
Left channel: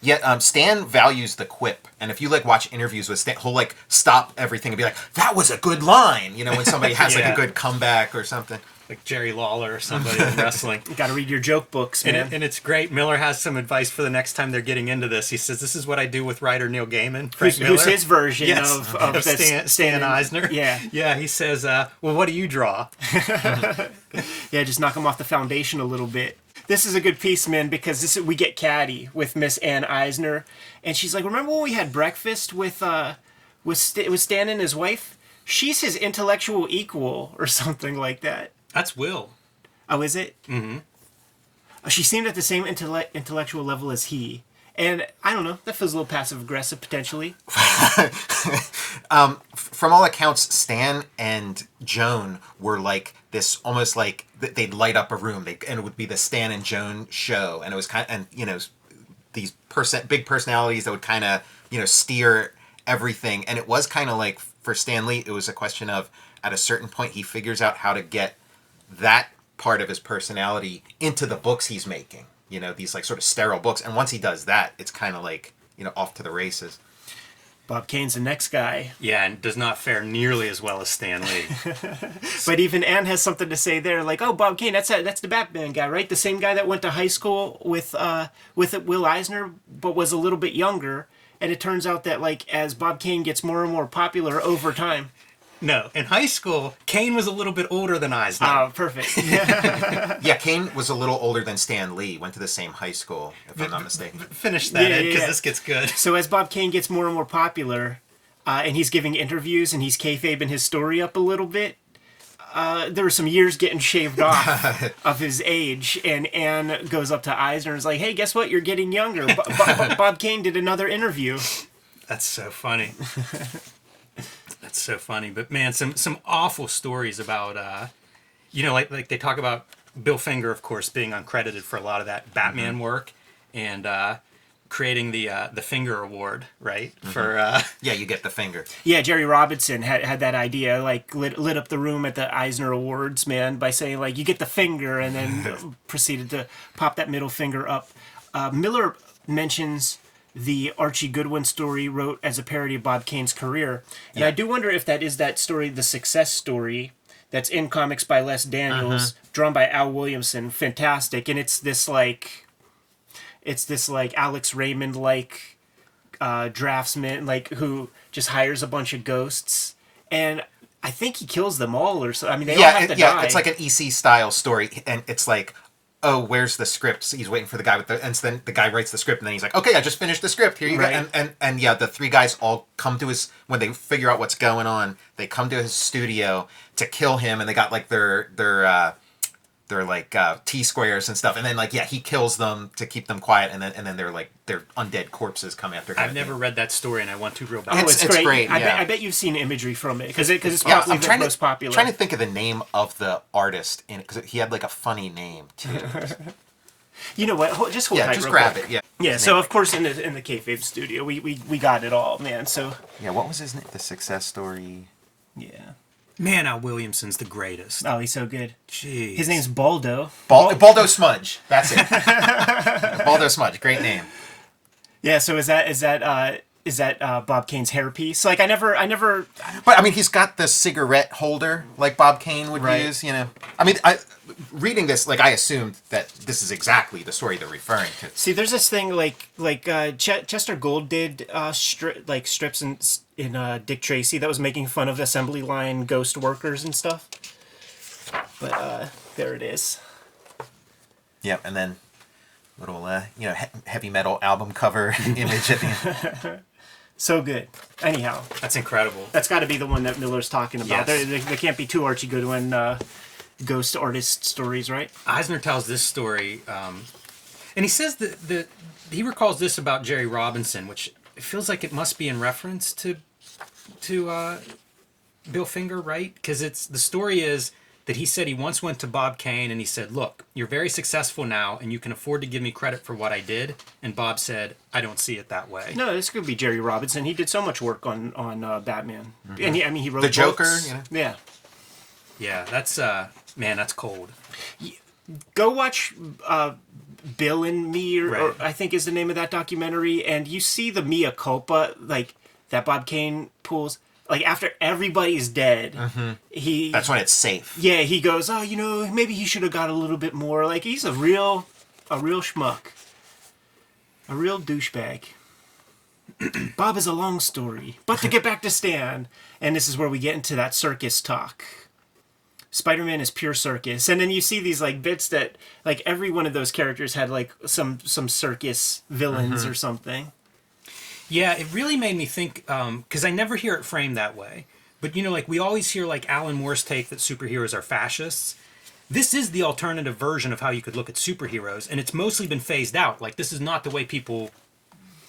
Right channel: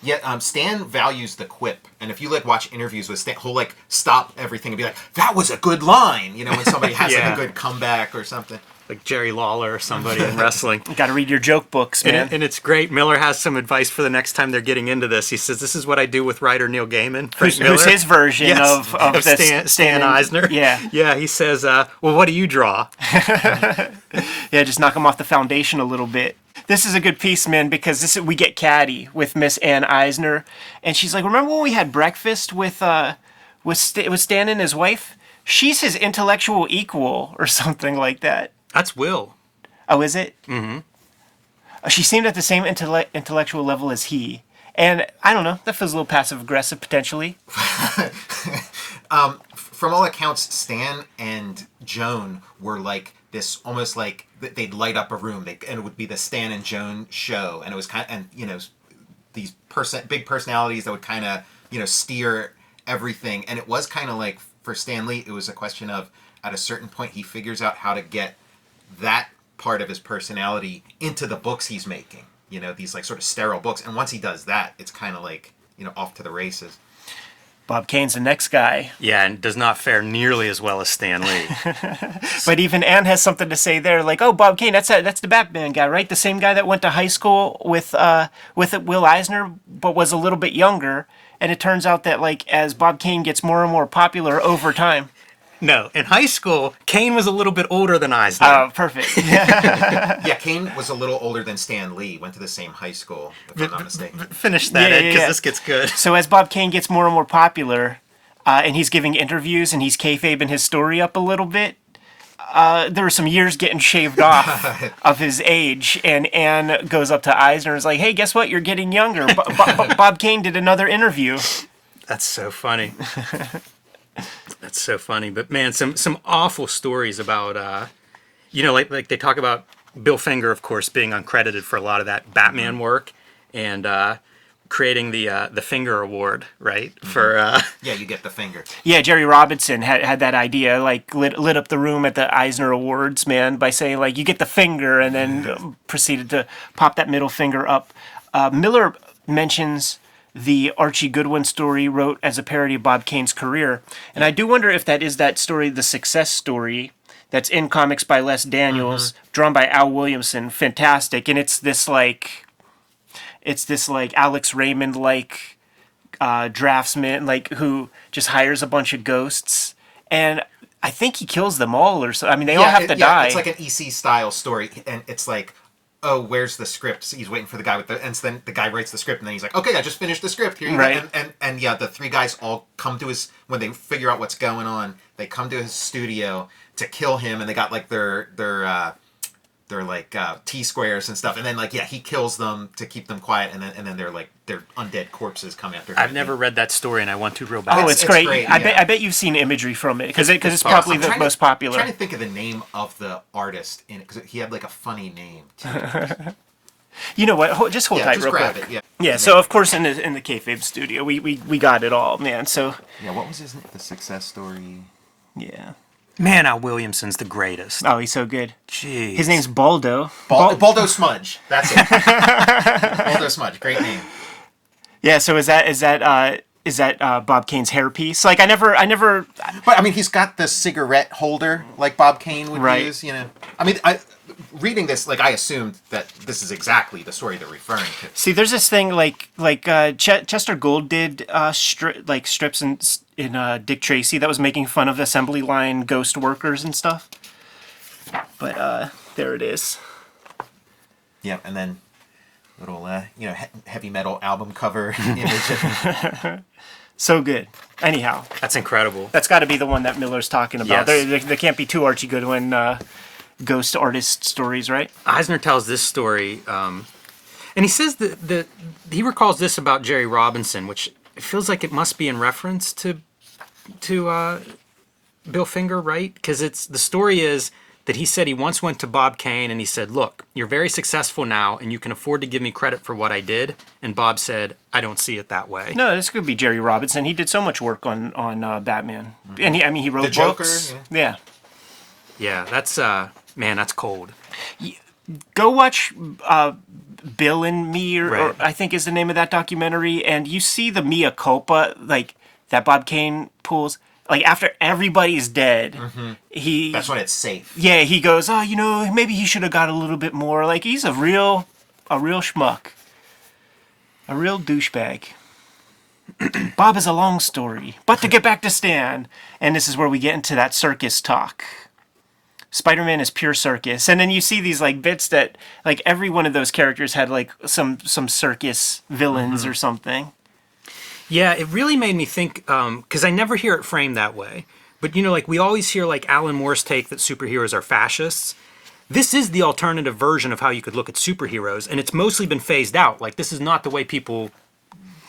Yeah, Stan values the quip, and if you watch interviews with Stan, he'll stop everything and be like, "That was a good line," when somebody has a good comeback or something. Like Jerry Lawler or somebody in wrestling. You got to read your joke books, man. And it's great. Miller has some advice for the next time they're getting into this. He says, "This is what I do with writer Neil Gaiman." Who's his version of Stan Eisner? Yeah, yeah. He says, "Well, what do you draw?" Yeah, just knock him off the foundation a little bit. This is a good piece, man, because we get catty with Miss Ann Eisner, and she's like, "Remember when we had breakfast with Stan and his wife? She's his intellectual equal, or something like that." That's Will. Oh, is it? Mm-hmm. She seemed at the same intellectual level as he, and I don't know. That feels a little passive aggressive potentially. From all accounts, Stan and Joan were like this, almost like they'd light up a room. And it would be the Stan and Joan show, and it was these big personalities that would kind of steer everything. And it was kind of like for Stan Lee, it was a question of at a certain point he figures out how to get that part of his personality into the books he's making. These sort of sterile books, and once he does that, it's kind of off to the races. Bob Kane's the next guy. Yeah, and does not fare nearly as well as Stan Lee. But even Anne has something to say there, like, oh, Bob Kane, that's the Batman guy, right? The same guy that went to high school with Will Eisner, but was a little bit younger. And it turns out that, like, as Bob Kane gets more and more popular over time. No, in high school, Kane was a little bit older than Eisner. Oh, perfect. Yeah, Kane was a little older than Stan Lee. Went to the same high school, if I'm not mistaken. Finish that, Yeah, because yeah. this gets good. So as Bob Kane gets more and more popular, and he's giving interviews and he's kayfabing his story up a little bit, there were some years getting shaved off of his age, and Anne goes up to Eisner and is like, hey, guess what? You're getting younger. Bob Kane did another interview. That's so funny. That's so funny. But man, some awful stories about, like they talk about Bill Finger, of course, being uncredited for a lot of that Batman work, and creating the Finger Award, right? For Yeah, you get the finger. Yeah, Jerry Robinson had that idea, like lit up the room at the Eisner Awards, man, by saying, like, you get the finger, and then proceeded to pop that middle finger up. Miller mentions the Archie Goodwin story wrote as a parody of Bob Kane's career. And I do wonder if that is that story, the success story, that's in Comics by Les Daniels, drawn by Al Williamson. Fantastic. And it's this Alex Raymond draftsman, who just hires a bunch of ghosts. And I think he kills them all or so. I mean, they all have to die. It's like an EC style story, and it's like, oh, where's the script? So he's waiting for the guy with the, and so then the guy writes the script, and then he's like, okay, I just finished the script. Here you Right. go. And yeah, the three guys all come to his, when they figure out what's going on, they come to his studio to kill him, and they got like their T-squares and stuff, and then he kills them to keep them quiet, and then they're like their undead corpses come after him. I've never read that story, and I want to real bad. Oh, it's great. Yeah. I bet you've seen imagery from it, because it's probably the most popular. I'm trying to think of the name of the artist in it, because he had like a funny name too. You know what? Just hold tight. Just real grab quick. it. Yeah. Yeah. So of course in the Kayfabe studio, we got it all, man. So Yeah. What was his name? The success story. yeah. Man, Al Williamson's the greatest. Oh, he's so good. Jeez. His name's Baldo. Baldo Smudge. That's it. Baldo Smudge. Great name. Yeah. So is that Bob Kane's hairpiece? Like I never. But I mean, he's got the cigarette holder like Bob Kane would Right. use. You know. I mean, reading this, I assumed that this is exactly the story they're referring to. See, there's this thing Chester Gould did strips in Dick Tracy that was making fun of the assembly line ghost workers and stuff. But there it is. Yep, and then little heavy metal album cover image at the end. So good. Anyhow, That's incredible. that's got to be the one that Miller's talking about. Yes. There can't be two Archie Goodwin ghost artist stories, right? Eisner tells this story, and he says that he recalls this about Jerry Robinson, which it feels like it must be in reference to Bill Finger, right? Because the story is that he said he once went to Bob Kane and he said, "Look, you're very successful now, and you can afford to give me credit for what I did." And Bob said, "I don't see it that way." No, this could be Jerry Robinson. He did so much work on Batman, and he wrote The Joker, books. you know? Yeah. Yeah, that's that's cold. Go watch Bill and Me, or Right. I think is the name of that documentary, and you see the mea culpa that Bob Kane pulls. Like after everybody's dead, That's when it's safe. yeah, he goes, oh, maybe he should have got a little bit more. Like he's a real schmuck, a real douchebag. Bob is a long story, but to get back to Stan, and this is where we get into that circus talk. Spider-Man is pure circus, and then you see these bits that every one of those characters had some circus villains or something. Yeah, it really made me think, because I never hear it framed that way. But, we always hear, Alan Moore's take that superheroes are fascists. This is the alternative version of how you could look at superheroes, and it's mostly been phased out. This is not the way people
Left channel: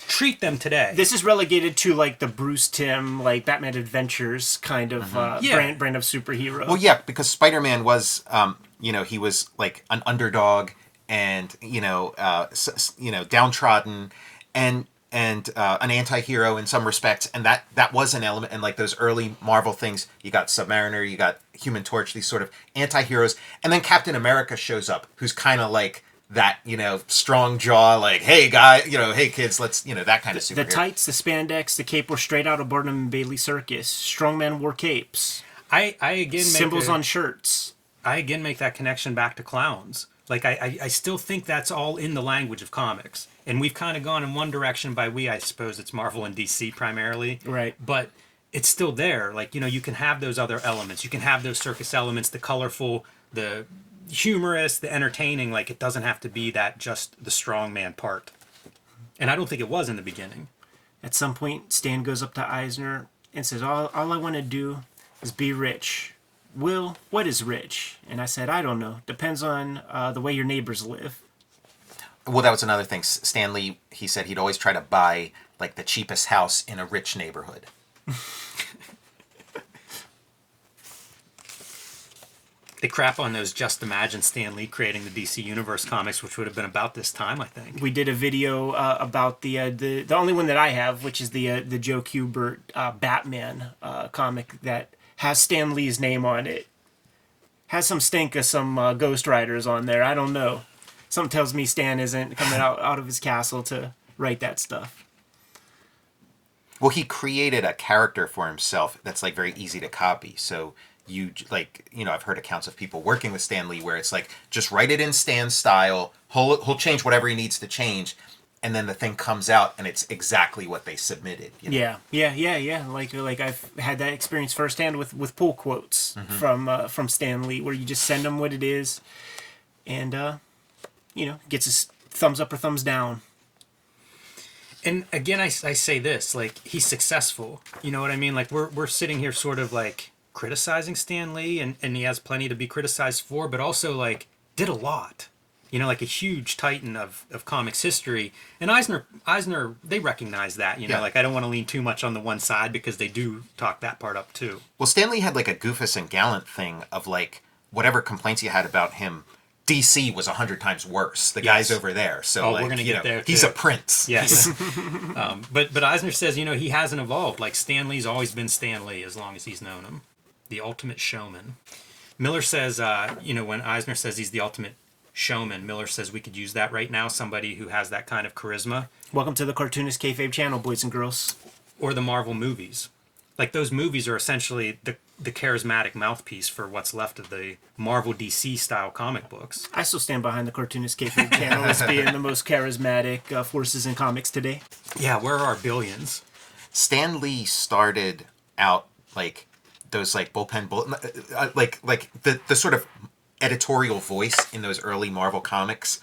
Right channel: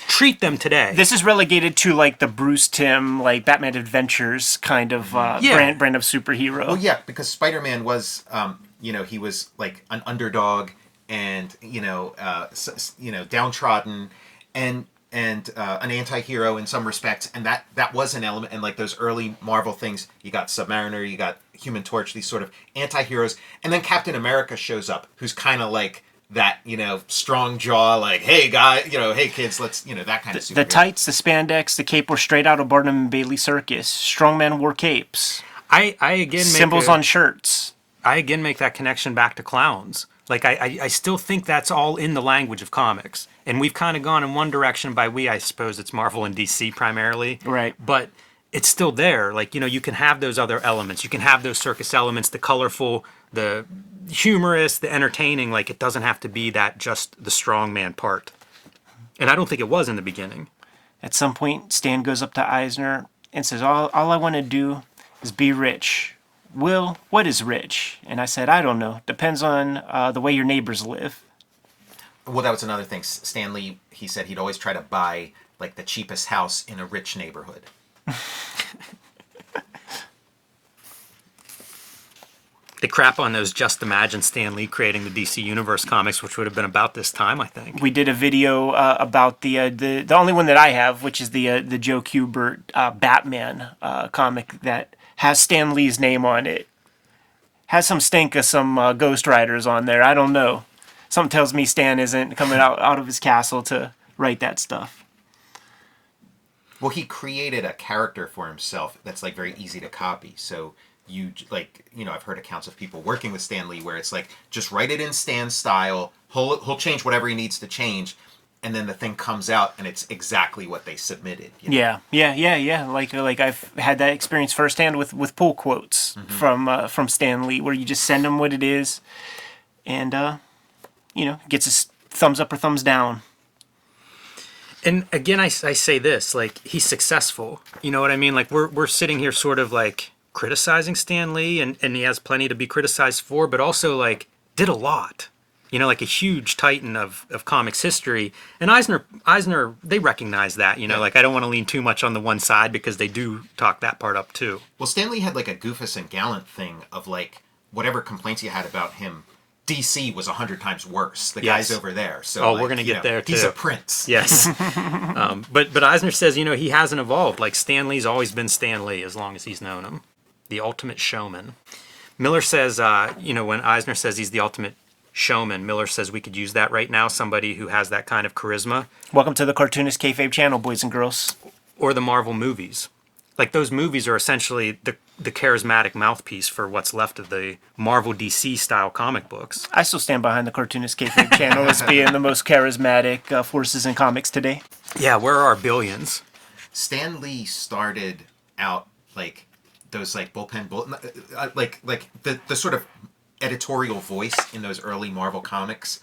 treat them today. This is relegated to, the Bruce Timm, Batman Adventures kind of brand of superhero. Well, yeah, because Spider-Man was, he was an underdog and downtrodden and an anti-hero in some respects, and that was an element in those early Marvel things. You got Submariner, you got Human Torch, these sort of anti-heroes, and then Captain America shows up, who's kind of that, strong jaw, like, hey, guy, hey, kids, let's, that kind of superhero. The tights, the spandex, the cape were straight out of Barnum and Bailey Circus. Strongman wore capes. I again Symbols on shirts. I again make that connection back to clowns. Like, I still think that's all in the language of comics. And we've kind of gone in one direction. By we, I suppose it's Marvel and DC primarily. Right. But it's still there. Like, you can have those other elements. You can have those circus elements, the colorful, the humorous, the entertaining. Like, it doesn't have to be that just the strongman part. And I don't think it was in the beginning. At some point, Stan goes up to Eisner and says, all I want to do is be rich. Will, what is rich? And I said, I don't know. Depends on the way your neighbors live. Well, that was another thing. Stan Lee, he said he'd always try to buy, like, the cheapest house in a rich neighborhood. They crap on those Just Imagine Stan Lee creating the DC Universe comics, which would have been about this time, I think. We did a video about the only one that I have, which is the Joe Kubert Batman comic that has Stan Lee's name on it. Has some stink of some Ghost Riders on there. I don't know. Something tells me Stan isn't coming out of his castle to write that stuff. Well, he created a character for himself that's, like, very easy to copy. So you, like, I've heard accounts of people working with Stan Lee where it's like, just write it in Stan's style. He'll change whatever he needs to change. And then the thing comes out and it's exactly what they submitted. Yeah. Like I've had that experience firsthand with pull quotes from Stan Lee, where you just send him what it is, and gets his thumbs up or thumbs down. And again, I say this, like, he's successful. You know what I mean? Like, we're sitting here sort of like criticizing Stan Lee, and he has plenty to be criticized for, but also, like, did a lot. Like a huge titan of comics history. And Eisner, they recognize that, Yeah. Like, I don't want to lean too much on the one side because they do talk that part up too. Well, Stan Lee had, like, a Goofus and Gallant thing of, like, whatever complaints you had about him, DC was 100 times worse. The guy's over there. So, we're going to get there too. He's a prince. Yes. But Eisner says, he hasn't evolved. Like, Stan Lee's always been Stan Lee as long as he's known him. The ultimate showman. Miller says, when Eisner says he's the ultimate showman, Miller says we could use that right now, somebody who has that kind of charisma. Welcome to the Cartoonist Kayfabe channel, boys and girls. Or the Marvel movies. Like, those movies are essentially the charismatic mouthpiece for what's left of the Marvel DC style comic books. I still stand behind the Cartoonist Kayfabe channel as being the most charismatic forces in comics today. Yeah, where are our billions? Stan Lee started out, like, those, like, bullpen like the sort of editorial voice in those early Marvel comics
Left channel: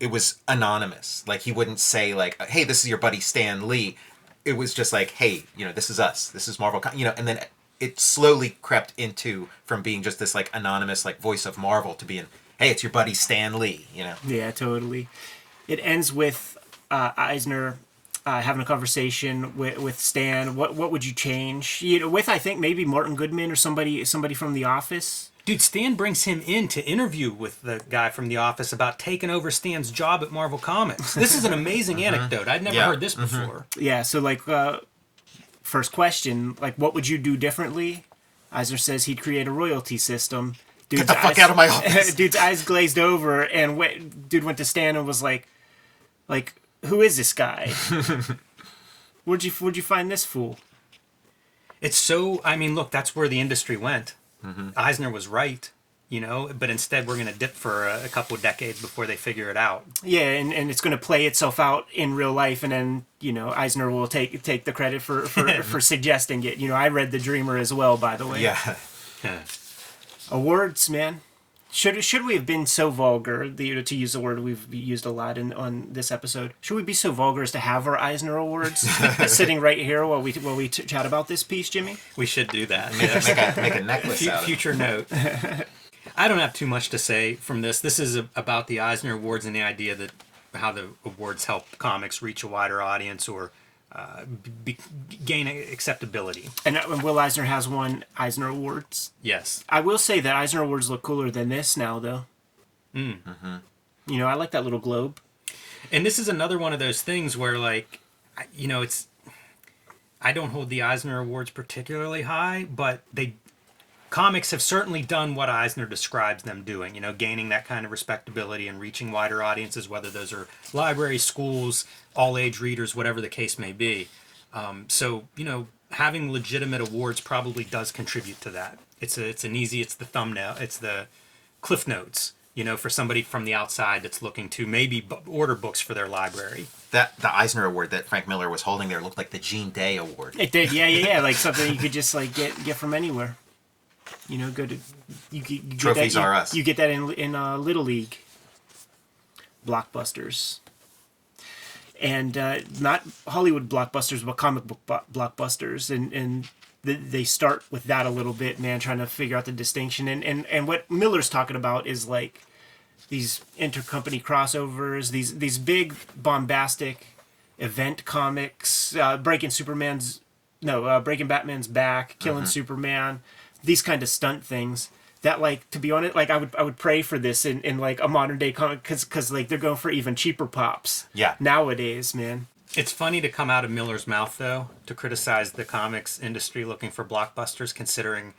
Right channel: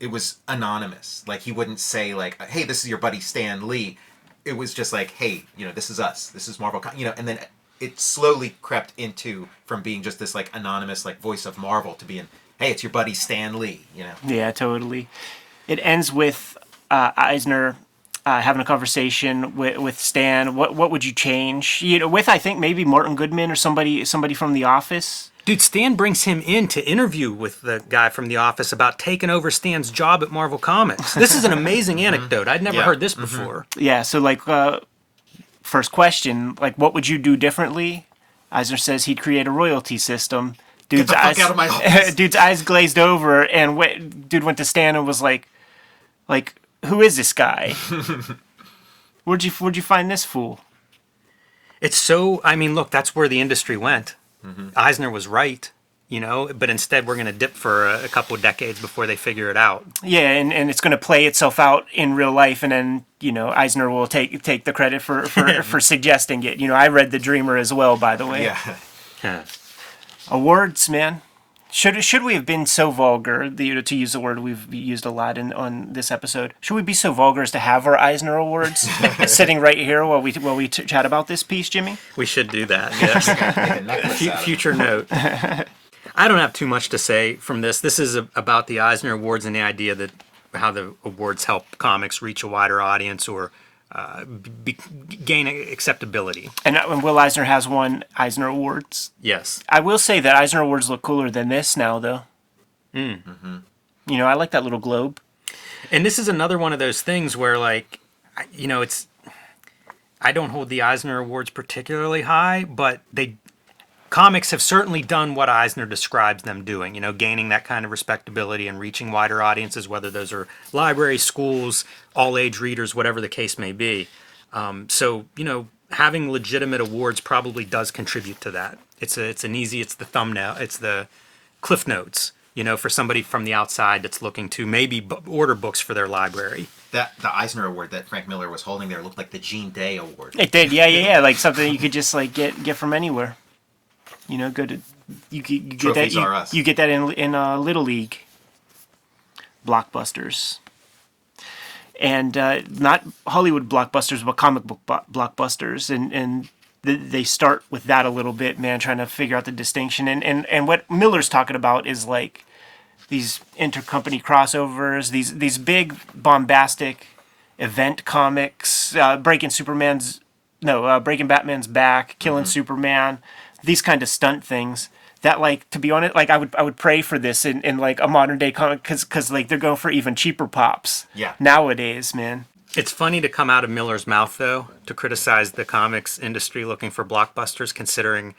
it was anonymous. Like, he wouldn't say, like, hey, this is your buddy Stan Lee. It was just like, hey, this is us. This is Marvel. And then it slowly crept into from being just this, like, anonymous, like, voice of Marvel to being, hey, it's your buddy Stan Lee. Yeah, totally. It ends with Eisner having a conversation with Stan. What would you change? With, I think, maybe Martin Goodman or somebody from The Office. Dude, Stan brings him in to interview with the guy from The Office about taking over Stan's job at Marvel Comics. This is an amazing anecdote. I'd never heard this before. Yeah, so, like, first question, like, what would you do differently? Eisner says he'd create a royalty system. Get the fuck out of my office. Dude's eyes glazed over, and dude went to Stan and was like, who is this guy? Where'd you find this fool? It's so, I mean, look, that's where the industry went. Eisner was right, but instead we're going to dip for a couple of decades before they figure it out. Yeah, and it's going to play itself out in real life, and then, Eisner will take the credit for suggesting it. I read The Dreamer as well, by the way. Yeah. Awards, man. Should we have been so vulgar, to use the word we've used a lot on this episode? Should we be so vulgar as to have our Eisner Awards sitting right here while we chat about this piece, Jimmy? We should do that. Make a necklace out of it. Future note. I don't have too much to say from this. This is about the Eisner Awards and the idea that how the awards help comics reach a wider audience or gain acceptability. And Will Eisner has won Eisner Awards. Yes. I will say that Eisner Awards look cooler than this now, though. I like that little globe. And this is another one of those things where, like, I don't hold the Eisner Awards particularly high, but comics have certainly done what Eisner describes them doing, gaining that kind of respectability and reaching wider audiences, whether those are libraries, schools, all age readers, whatever the case may be. So, having legitimate awards probably does contribute to that. It's the thumbnail, it's the cliff notes, for somebody from the outside that's looking to maybe order books for their library. The Eisner Award that Frank Miller was holding there looked like the Gene Day Award. It did, yeah, like something you could just like get from anywhere. Go to you Trophies get that, are us. You get that in Little League, blockbusters, and not Hollywood blockbusters, but comic book blockbusters, and they start with that a little bit, man, trying to figure out the distinction. And what Miller's talking about is like these intercompany crossovers, these big bombastic event comics, breaking Batman's back, killing Superman, these kind of stunt things that, like, to be honest, like I would pray for this in like a modern day comic, because like they're going for even cheaper pops nowadays, man. It's funny to come out of Miller's mouth, though, to criticize the comics industry looking for blockbusters, considering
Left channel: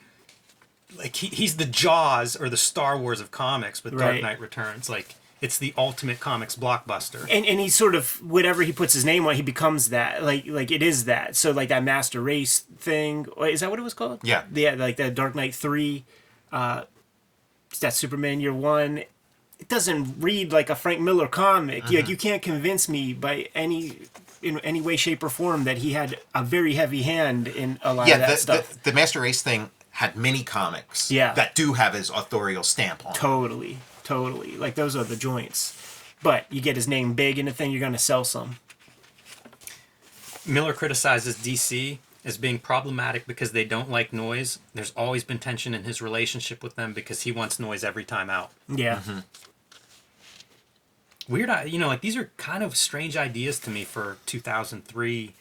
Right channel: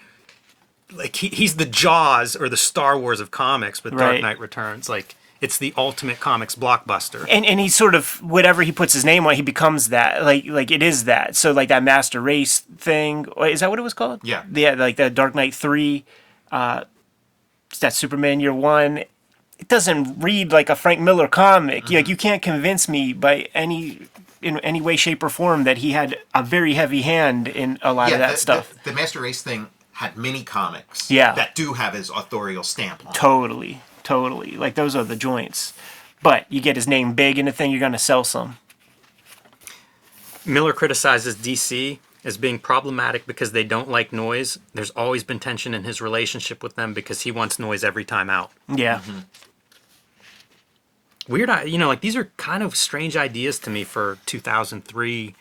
like he's the Jaws or the Star Wars of comics with Dark Knight Returns. Like, it's the ultimate comics blockbuster. And he's sort of, whatever he puts his name on, he becomes that. Like it is that. So like that Master Race thing, is that what it was called? Yeah. Yeah, like the Dark Knight 3, that Superman Year One. It doesn't read like a Frank Miller comic. Like, you can't convince me in any way, shape, or form that he had a very heavy hand in a lot of that stuff. The Master Race thing had many comics Yeah. that do have his authorial stamp on them. Totally. Like, those are the joints. But you get his name big in a thing, you're going to sell some. Miller criticizes DC as being problematic because they don't like noise. There's always been tension in his relationship with them because he wants noise every time out. Yeah. Weird, like, these are kind of strange ideas to me for 2003.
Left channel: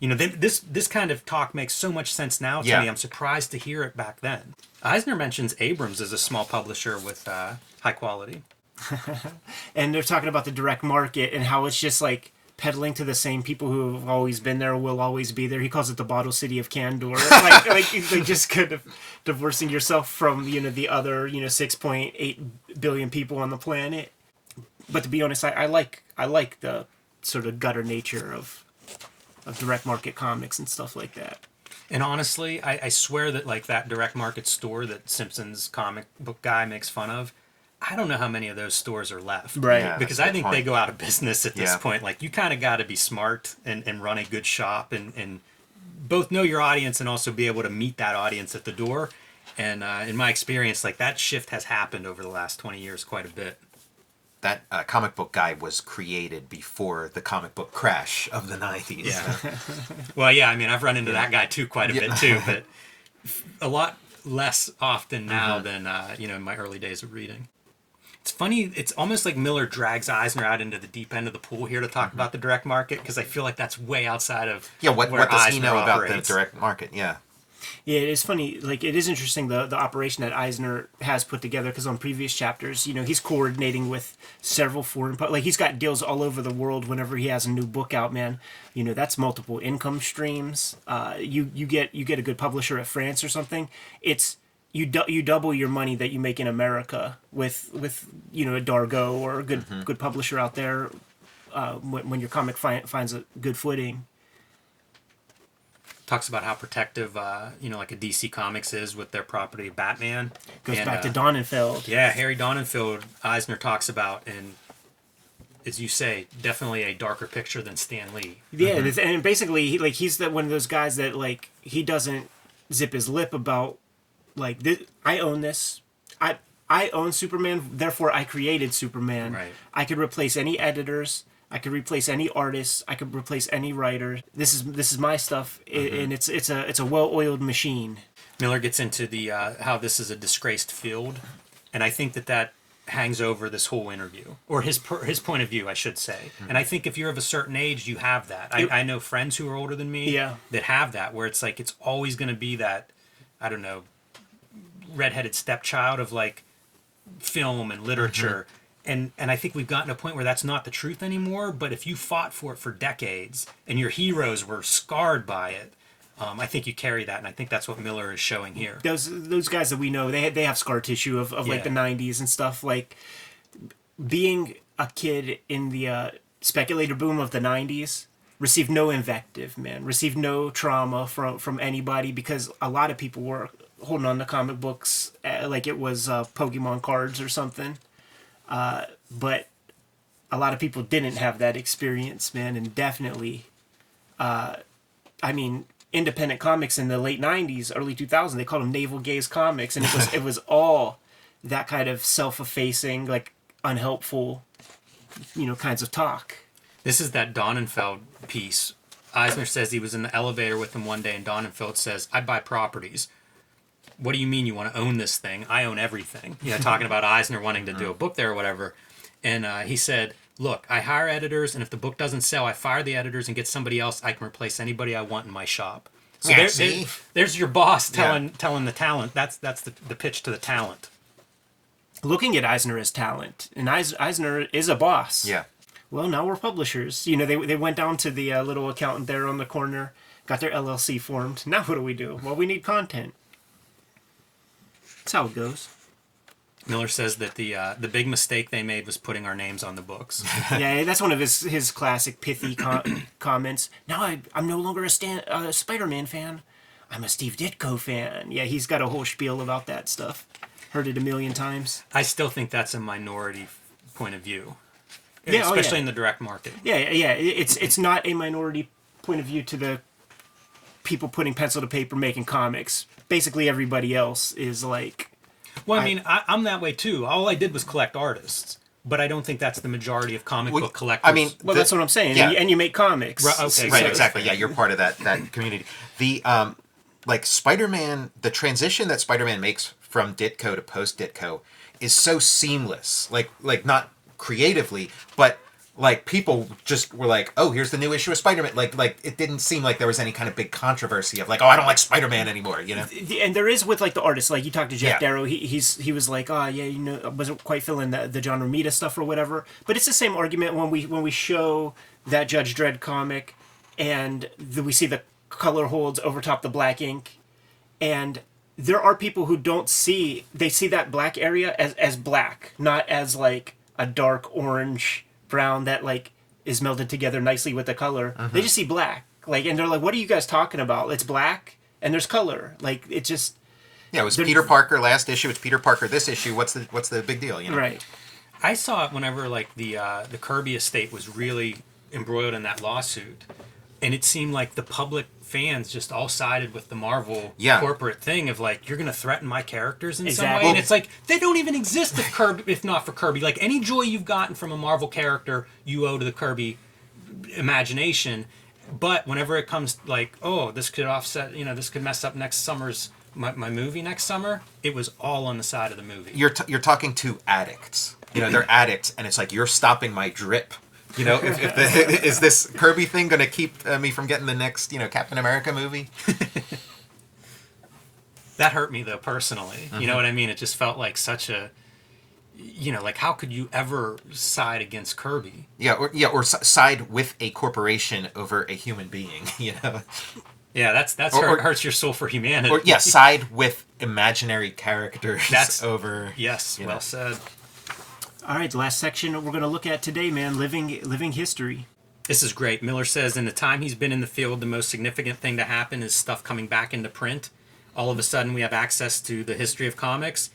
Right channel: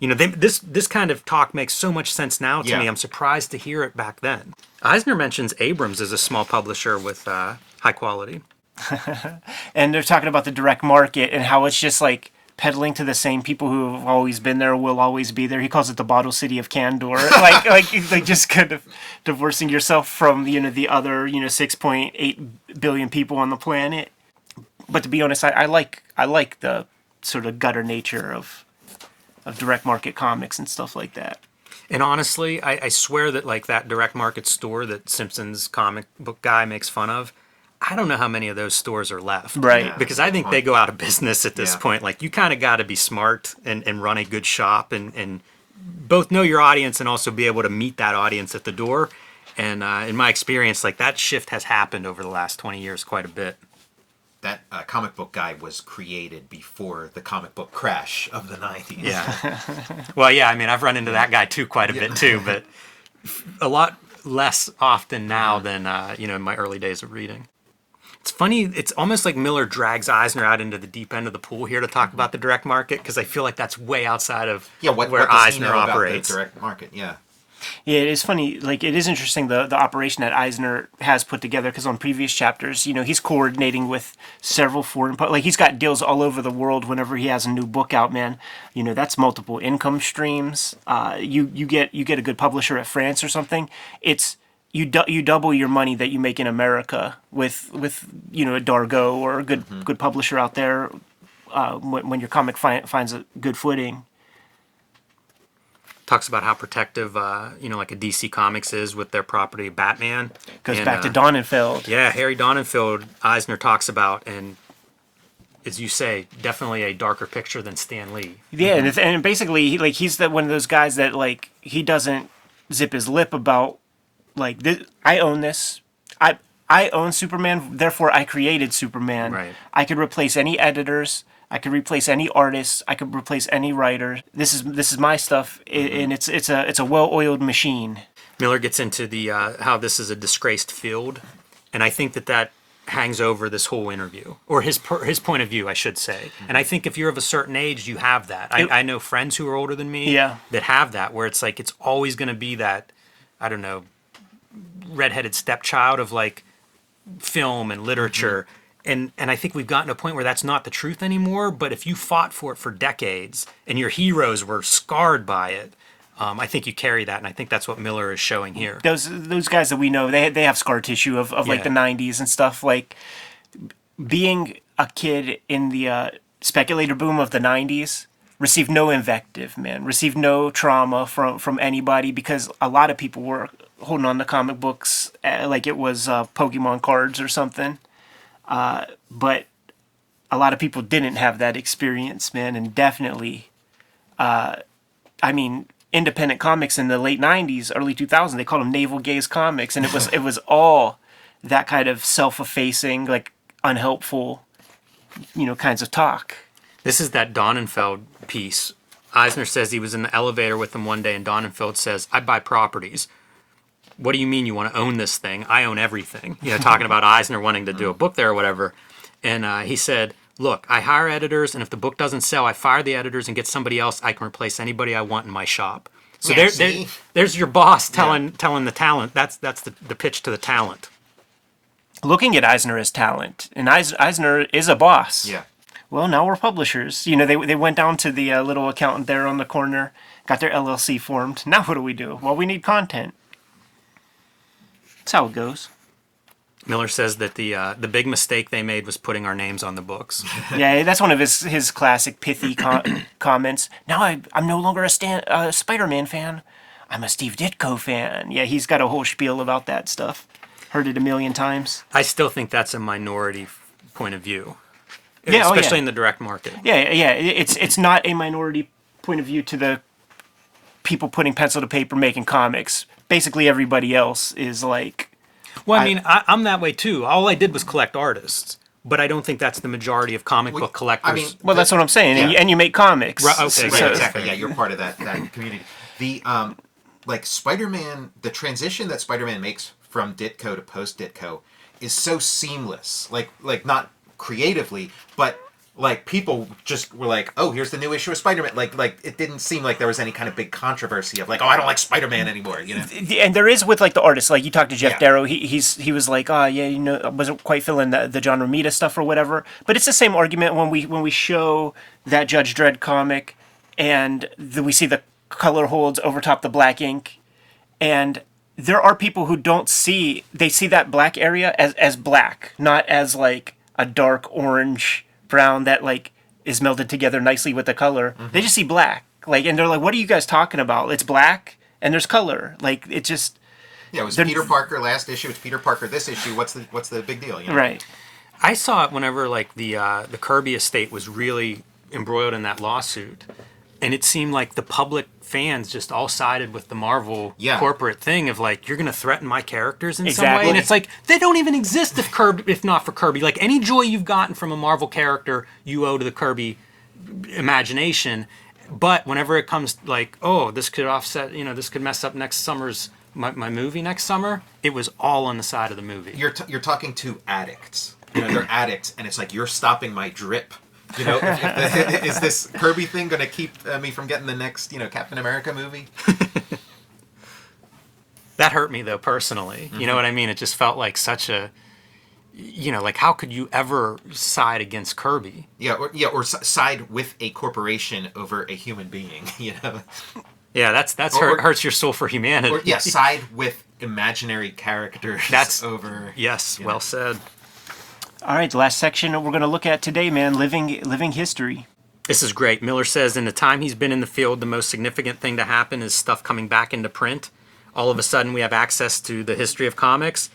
This kind of talk makes so much sense now to me. I'm surprised to hear it back then. Eisner mentions Abrams as a small publisher with high quality. And they're talking about the direct market and how it's just like peddling to the same people who have always been there, will always be there. He calls it the bottle city of Candor. like just kind of divorcing yourself from the other 6.8 billion people on the planet. But to be honest, I like the sort of gutter nature of direct market comics and stuff like that. And honestly, I swear that like that direct market store that Simpson's comic book guy makes fun of, I don't know how many of those stores are left. Right. Yeah, because I think they go out of business at this Yeah. point. Like, you kind of got to be smart and run a good shop and both know your audience and also be able to meet that audience at the door. And in my experience, like, that shift has happened over the last 20 years quite a bit. That comic book guy was created before the comic book crash of the 90s. Yeah. Well, yeah, I mean, I've run into that guy too quite a bit too, but a lot less often now than, in my early days of reading. It's funny, it's almost like Miller drags Eisner out into the deep end of the pool here to talk about the direct market, because I feel like that's way outside of What where does he Eisner know operates. about the direct market? Yeah. Yeah, it is funny. Like, it is interesting the operation that Eisner has put together, because on previous chapters, he's coordinating with several foreign, like, he's got deals all over the world whenever he has a new book out, man. That's multiple income streams. You get a good publisher at France or something. It's you double your money that you make in America with a Dargo or a good publisher out there when your comic finds a good footing. Talks about how protective, like a DC Comics is with their property Batman. Goes back to Donenfeld. Yeah, Harry Donenfeld, Eisner talks about, and as you say, definitely a darker picture than Stan Lee. Yeah, and basically, he's one of those guys that, like, he doesn't zip his lip about, like, I own this. I own Superman, therefore I created Superman. Right. I could replace any editors. I could replace any artist. I could replace any writer. This is my stuff, and it's a well-oiled machine. Miller gets into the how this is a disgraced field, and I think that hangs over this whole interview, or his point of view, I should say. And I think if you're of a certain age, you have that. I know friends who are older than me that have that, where it's like it's always going to be that, I don't know, redheaded stepchild of like film and literature. And I think we've gotten to a point where that's not the truth anymore. But if you fought for it for decades and your heroes were scarred by it, I think you carry that, and I think that's what Miller is showing here. Those guys that we know, they have scar tissue of like the 90s and stuff. Like, being a kid in the speculator boom of the 90s, received no invective, man. Received no trauma from anybody, because a lot of people were holding on to comic books like it was Pokemon cards or something. But a lot of people didn't have that experience, man, and definitely, independent comics in the late 90s, early 2000s, they called them navel gaze comics, and it was all that kind of self-effacing, like, unhelpful, kinds of talk. This is that Donenfeld piece. Eisner says he was in the elevator with him one day, and Donenfeld says, "I buy properties." What do you mean you want to own this thing? I own everything. Talking about Eisner wanting to do a book there or whatever. And he said, "Look, I hire editors, and if the book doesn't sell, I fire the editors and get somebody else. I can replace anybody I want in my shop." So there's your boss telling the talent. That's the pitch to the talent. Looking at Eisner as talent, and Eisner is a boss. Yeah. Well, now we're publishers. They went down to the little accountant there on the corner, got their LLC formed. Now what do? Well, we need content. That's how it goes. Miller says that the big mistake they made was putting our names on the books. Yeah, that's one of his classic pithy comments. Now I'm no longer a Spider-Man fan. I'm a Steve Ditko fan. Yeah, he's got a whole spiel about that stuff. Heard it a million times. I still think that's a minority point of view. Yeah, especially in the direct market. Yeah. It's not a minority point of view to the people putting pencil to paper making comics. Basically, everybody else is like... Well, I'm that way too. All I did was collect artists, but I don't think that's the majority of comic book collectors. That's what I'm saying. Yeah. And you make comics. Right, okay, right, exactly. Yeah, you're part of that community. The Spider-Man, the transition that Spider-Man makes from Ditko to post-Ditko is so seamless. Like not creatively, but like people just were like, "Oh, here's the new issue of Spider-Man." Like it didn't seem like there was any kind of big controversy of like, "Oh, I don't like Spider-Man anymore," And there is with like the artists. Like you talked to Jeff Darrow, he was like, "Oh, yeah, I wasn't quite feeling the John Romita stuff or whatever." But it's the same argument when we show that Judge Dredd comic, and we see the color holds over top the black ink, and there are people who see that black area as black, not as like a dark orange brown that like is melded together nicely with the color. Mm-hmm. They just see black, like, and they're like, "What are you guys talking about? It's black and there's color." Like, it just... Yeah, it was Peter Parker last issue. It's Peter Parker this issue. What's the big deal? Right. I saw it whenever like the Kirby estate was really embroiled in that lawsuit, and it seemed like the public fans just all sided with the Marvel corporate thing of like, you're going to threaten my characters in some way. And it's like, they don't even exist if not for Kirby. Like, any joy you've gotten from a Marvel character, you owe to the Kirby imagination. But whenever it comes like, oh, this could offset, this could mess up next summer's, my movie next summer, it was all on the side of the movie. You're talking to addicts. They're addicts, and it's like, you're stopping my drip. Is this Kirby thing going to keep me from getting the next, Captain America movie? That hurt me, though, personally. Mm-hmm. You know what I mean? It just felt like such a, like, how could you ever side against Kirby? Or side with a corporation over a human being, Yeah, that's hurts your soul for humanity. Or side with imaginary characters over... Yes, well said. All right, the last section we're going to look at today, man, living history. This is great. Miller says, in the time he's been in the field, the most significant thing to happen is stuff coming back into print. All of a sudden, we have access to the history of comics.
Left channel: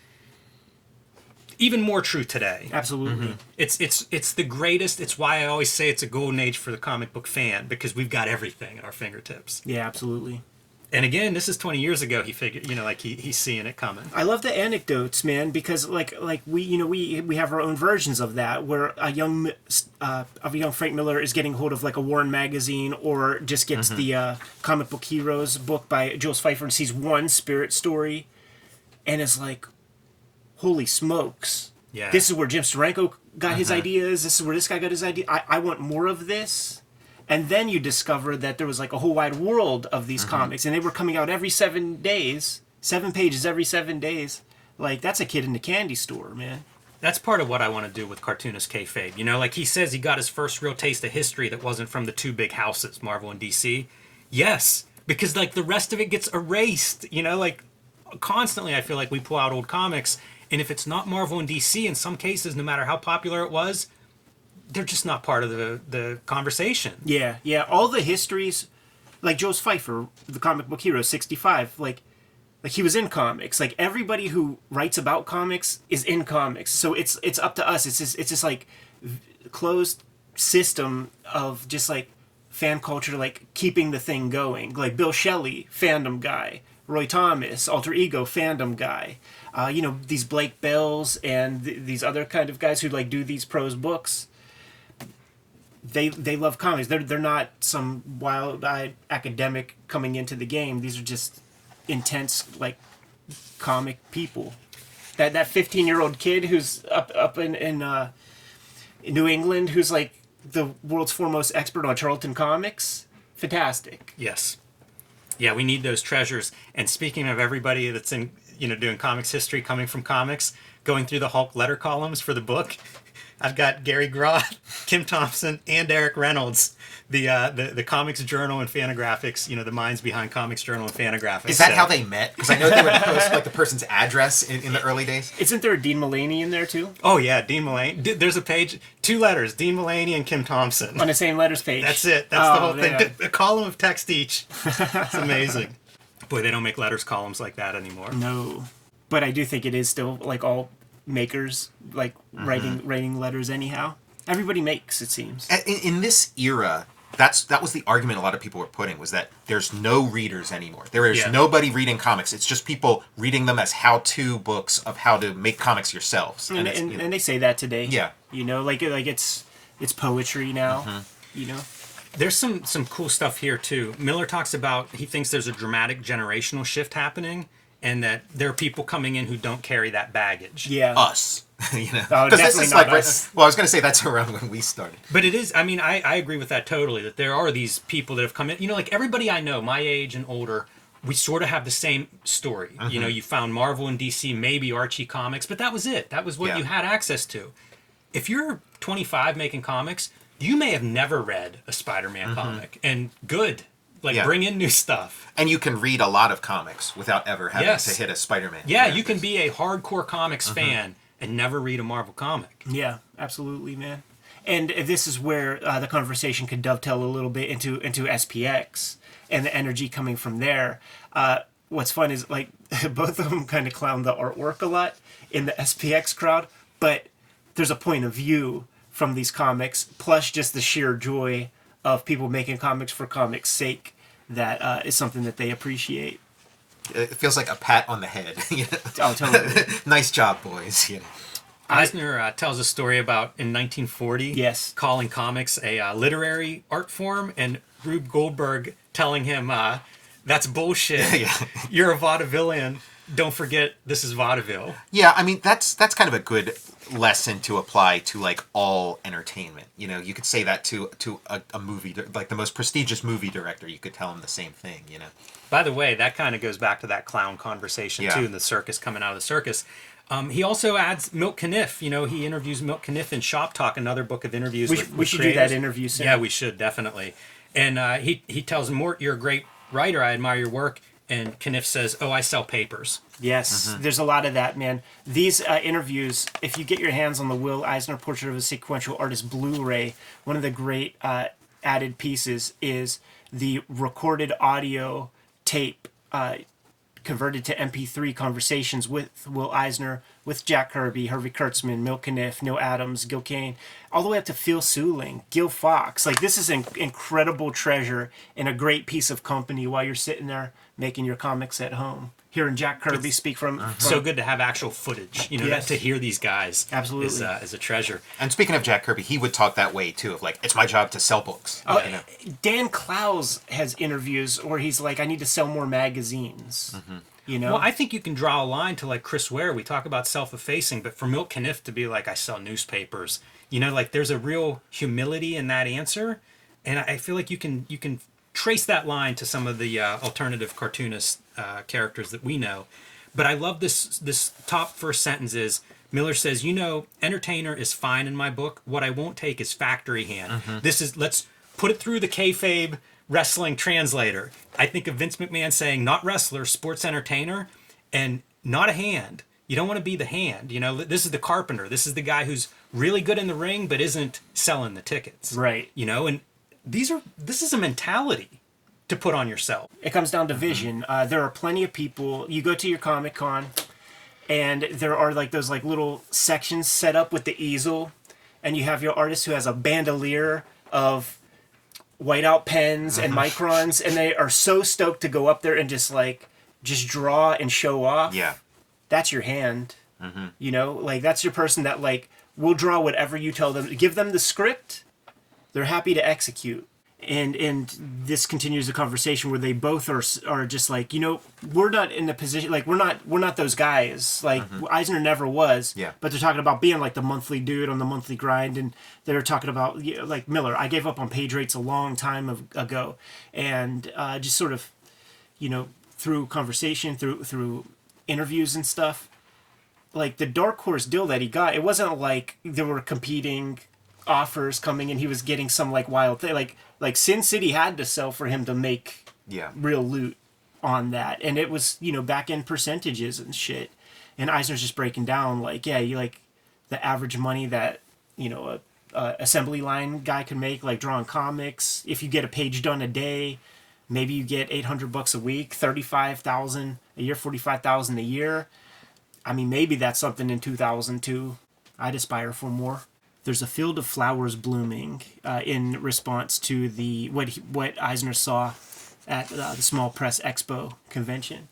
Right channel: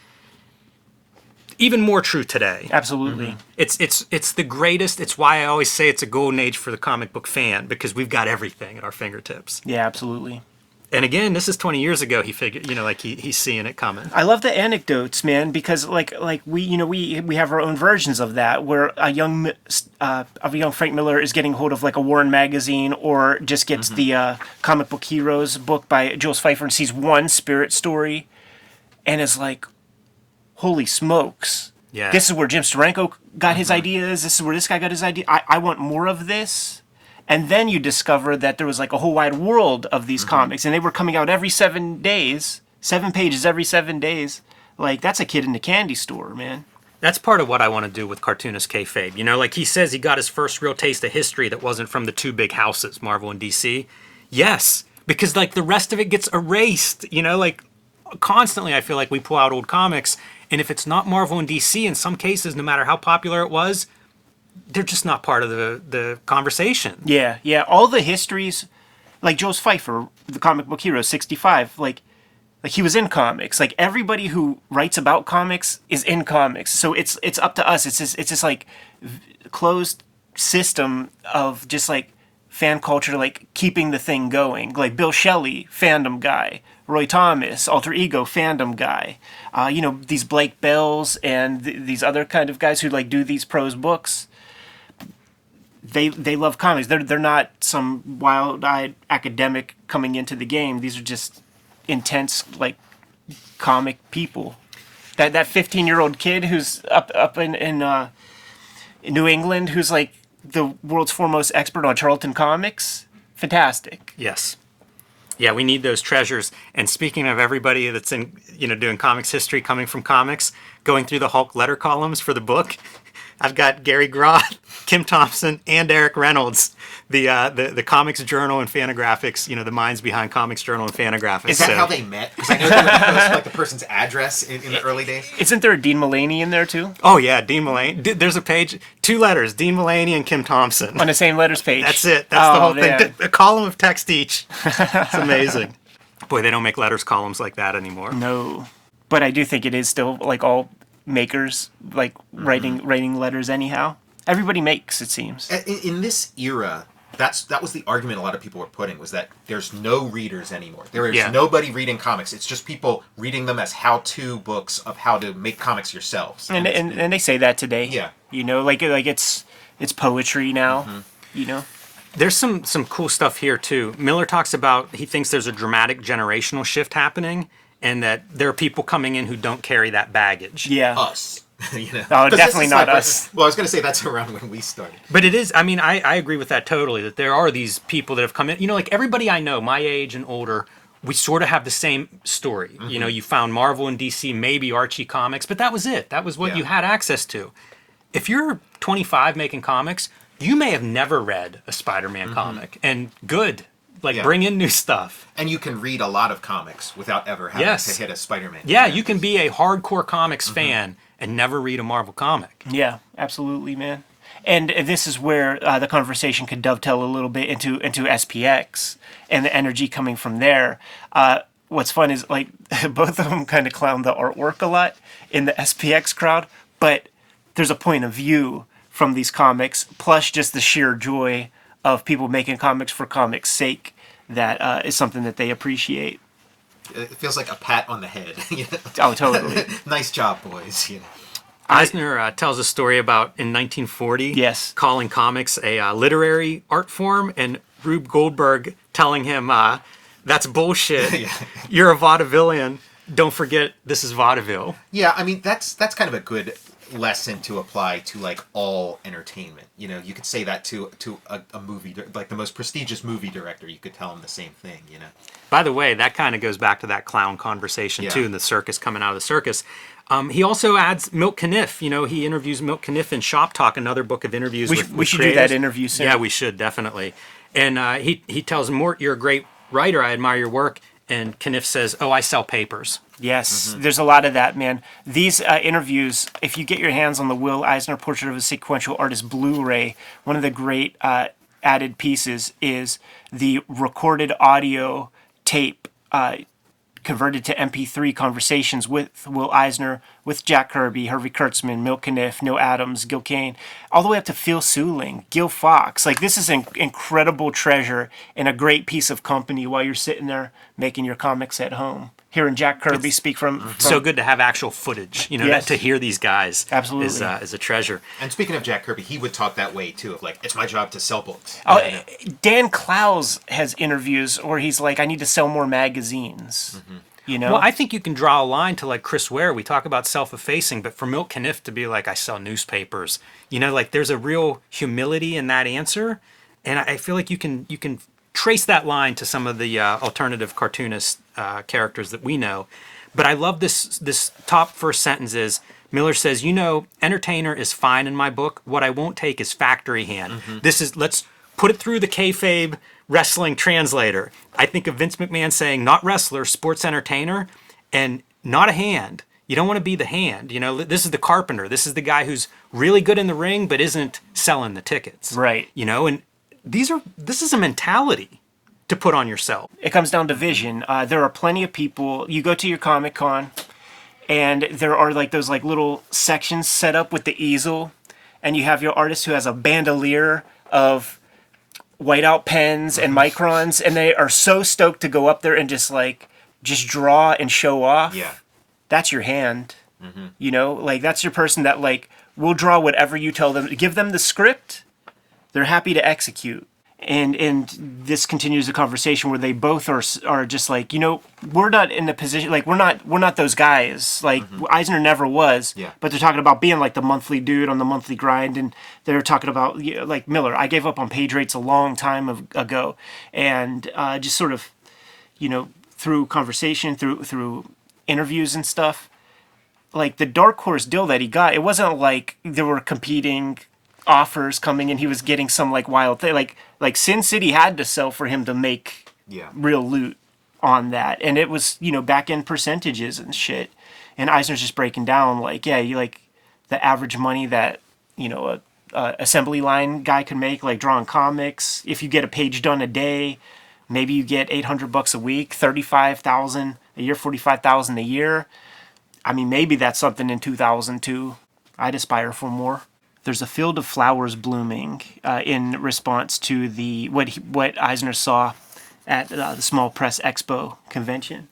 Even more true today. Absolutely. Mm-hmm. It's the greatest. It's why I always say it's a golden age for the comic book fan, because we've got everything at our fingertips. Yeah, absolutely. And again, this is 20 years ago. He figured, like he's seeing it coming. I love the anecdotes, man, because like we have our own versions of that, where a young Frank Miller is getting hold of like a Warren magazine, or just gets the Comic Book Heroes book by Jules Pfeiffer and sees one Spirit story, and is like, "Holy smokes! Yeah, this is where Jim Steranko got his ideas. This is where this guy got his idea. I want more of this." And then you discover that there was like a whole wide world of these comics, and they were coming out every 7 days, 7 pages every 7 days. Like, that's a kid in the candy store, man. That's part of what I want to do with Cartoonist Kayfabe. Like he says, he got his first real taste of history that wasn't from the two big houses, Marvel and DC. Yes, because like the rest of it gets erased. You know, like constantly I feel like we pull out old comics, and if it's not Marvel and DC, in some cases, no matter how popular it was, they're just not part of the conversation. Yeah, yeah. All the histories, like Joe's Pfeiffer, the comic book hero, 65, like he was in comics. Like everybody who writes about comics is in comics. So it's up to us. It's just like closed system of just like fan culture, like keeping the thing going. Like Bill Shelley, fandom guy. Roy Thomas, alter ego, fandom guy. You know, these Blake Bells and these other kind of guys who like do these prose books. They love comics. They're not some wild-eyed academic coming into the game. These are just intense like comic people. That 15-year-old kid who's up in New England, who's like the world's foremost expert on Charlton comics. Fantastic. Yes. Yeah, we need those treasures. And speaking of everybody that's in, you know, doing comics history, coming from comics, going through the Hulk letter columns for the book, I've got Gary Groth, Kim Thompson, and Eric Reynolds, the Comics Journal and Fantagraphics, you know, the minds behind Comics Journal and Fantagraphics. Is that how they met? Because I know they would post like the person's address in the early days. Isn't there a Dean Mullaney in there too? Oh yeah, Dean Mullaney. There's a page, 2 letters, Dean Mullaney and Kim Thompson. On the same letters page. That's it. That's the whole thing. A column of text each. It's amazing. Boy, they don't make letters columns like that anymore. No. But I do think it is still like all makers like writing letters anyhow. Everybody makes, it seems. In this era, that was the argument a lot of people were putting, was that there's no readers anymore. There is nobody reading comics. It's just people reading them as how-to books of how to make comics yourselves. And they say that today. Yeah. You know, like it's poetry now. You know. There's some cool stuff here too. Miller talks about, he thinks there's a dramatic generational shift happening, and that there are people coming in who don't carry that baggage. Yeah. Us. You know? Oh, definitely not us. Well, I was going to say that's around when we started. But it is, I mean, I agree with that totally, that there are these people that have come in. You know, like everybody I know, my age and older, we sort of have the same story. You know, you found Marvel and DC, maybe Archie comics, but that was it. That was what you had access to. If you're 25 making comics, you may have never read a Spider-Man comic. And good. Like, bring in new stuff. And you can read a lot of comics without ever having to hit a Spider-Man. Yeah, you can be a hardcore comics fan and never read a Marvel comic. Yeah, absolutely, man. And this is where the conversation could dovetail a little bit into SPX and the energy coming from there. What's fun is, like, both of them kind of clown the artwork a lot in the SPX crowd, but there's a point of view from these comics, plus just the sheer joy of people making comics for comics' sake that is something that they appreciate. It feels like a pat on the head. You know? Oh, totally. Nice job, boys. You know. Eisner tells a story about in 1940 calling comics a literary art form, and Rube Goldberg telling him, that's bullshit. You're a vaudevillian. Don't forget, this is vaudeville. Yeah, I mean, that's kind of a good lesson to apply to like all entertainment. You know, you could say that to a movie, like the most prestigious movie director. You could tell him the same thing. You know. By the way, that kind of goes back to that clown conversation too, in the circus, coming out of the circus. He also adds Milt Caniff. You know, he interviews Milt Caniff in Shop Talk, another book of interviews. We should do that interview soon. Yeah, we should, definitely. And he tells him, Mort, you're a great writer. I admire your work. And Caniff says, oh, I sell papers. Yes, there's a lot of that, man. These interviews, if you get your hands on the Will Eisner Portrait of a Sequential Artist Blu-ray, one of the great added pieces is the recorded audio tape converted to MP3 conversations with Will Eisner, with Jack Kirby, Harvey Kurtzman, Milt Caniff, Neil Adams, Gil Kane, all the way up to Phil Seuling, Gil Fox. Like, this is an incredible treasure and a great piece of company while you're sitting there making your comics at home. Hearing Jack Kirby speak from... So good to have actual footage, you know, to hear these guys is a treasure. And speaking of Jack Kirby, he would talk that way, too, of like, it's my job to sell books. Oh, you know? Dan Clowes has interviews where he's like, I need to sell more magazines. You know? Well, I think you can draw a line to like Chris Ware. We talk about self-effacing, but for Milt Caniff to be like, I sell newspapers, you know, like there's a real humility in that answer. And I feel like you can trace that line to some of the alternative cartoonist characters that we know. But I love this top first sentence is, Miller says, you know, entertainer is fine in my book. What I won't take is factory hand. This is, let's put it through the kayfabe wrestling translator. I think of Vince McMahon saying, not wrestler, sports entertainer, and not a hand. You don't want to be the hand. You know, this is the carpenter. This is the guy who's really good in the ring, but isn't selling the tickets. Right. You know, and this is a mentality to put on yourself. It comes down to vision. There are plenty of people. You go to your Comic-Con, and there are like those like little sections set up with the easel, and you have your artist who has a bandolier of whiteout pens and microns, and they are so stoked to go up there and just draw and show off. Yeah. That's your hand. You know, like that's your person that like will draw whatever you tell them. Give them the script. They're happy to execute. And this continues a conversation where they both are just like, you know, we're not in a position, like we're not those guys. Like Eisner never was. Yeah. But they're talking about being like the monthly dude on the monthly grind, and they're talking about, you know, like Miller. I gave up on page rates a long time ago, and just sort of, you know, through conversation, through interviews and stuff, like the Dark Horse deal that he got, it wasn't like there were competing offers coming and he was getting some like wild thing. Like Sin City had to sell for him to make real loot on that, and it was, you know, back end percentages and shit. And Eisner's just breaking down like, yeah, you like the average money that, you know, a assembly line guy could make, like drawing comics. If you get a page done a day, maybe you get $800 a week, 35,000 a year, 45,000 a year. I mean, maybe that's something in 2002. I'd aspire for more. There's a field of flowers blooming in response to what Eisner saw at the Small Press Expo convention.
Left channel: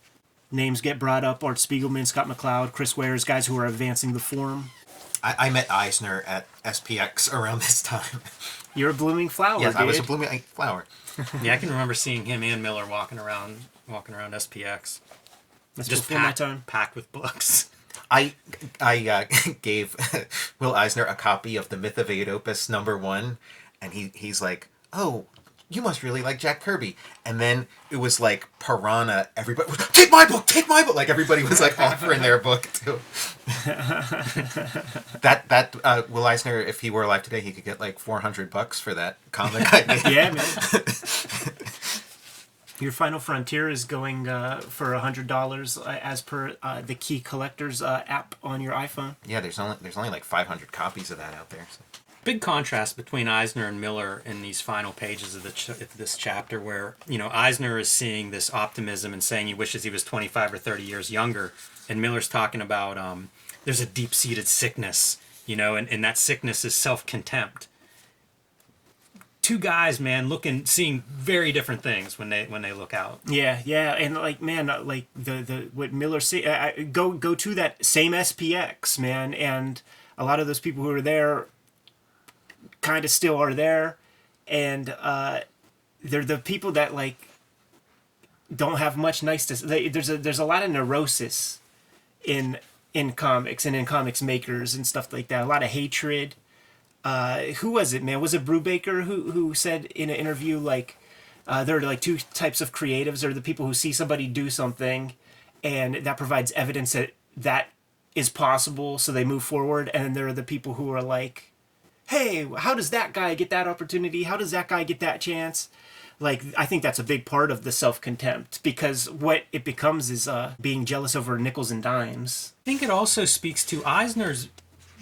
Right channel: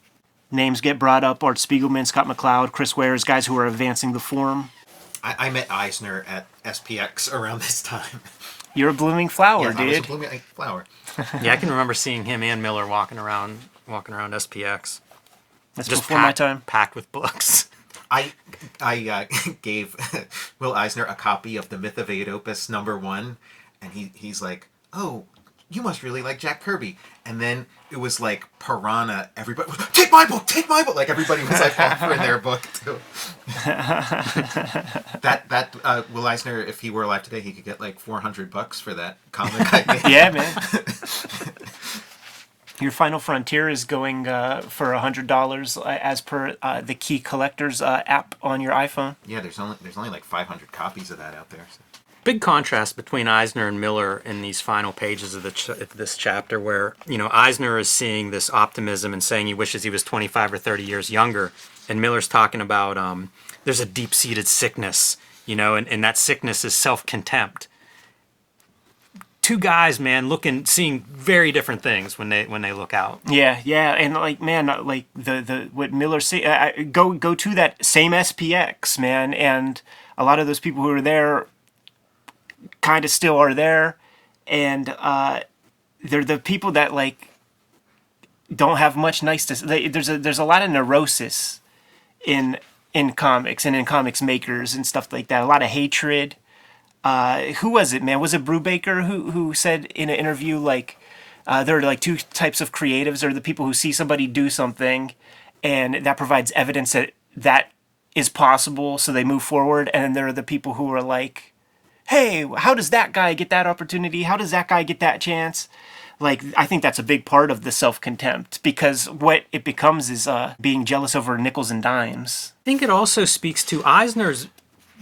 Names get brought up: Art Spiegelman, Scott McCloud, Chris Wares, guys who are advancing the form. I met Eisner at SPX around this time. You're a blooming flower, Yes, dude. I was a blooming flower. Yeah, I can remember seeing him and Miller walking around SPX. That's Just before my time. packed with books. I gave Will Eisner a copy of the Myth of Oedipus #1, and he's like, "Oh, you must really like Jack Kirby." And then it was like Piranha. Everybody was, take my book. Like everybody was like offering their book too. that Will Eisner, if he were alive today, he could get like $400 for that comic. I gave. Yeah, man. Your Final Frontier is going for $100 as per the Key Collectors app on your iPhone. Yeah, there's only like 500 copies of that out there. So. Big contrast between Eisner and Miller in these final pages of this chapter, where, you know, Eisner is seeing this optimism and saying he wishes he was 25 or 30 years younger, and Miller's talking about there's a deep-seated sickness, you know, and that sickness is self-contempt. Two guys, man, seeing very different things when they look out. Yeah, and like, man, like the what Miller say, go to that same SPX, man, and a lot of those people who are there kind of still are there, and they're the people that like don't have much nice to say. There's a lot of neurosis in comics and in comics makers and stuff like that. A lot of hatred. Who was it, man? Was it Brubaker who said in an interview, like, there are like two types of creatives. There are the people who see somebody do something, and that provides evidence that is possible, so they move forward. And then there are the people who are like, hey, how does that guy get that opportunity? How does that guy get that chance? Like, I think that's a big part of the self-contempt, because what it becomes is being jealous over nickels and dimes. I think it also speaks to Eisner's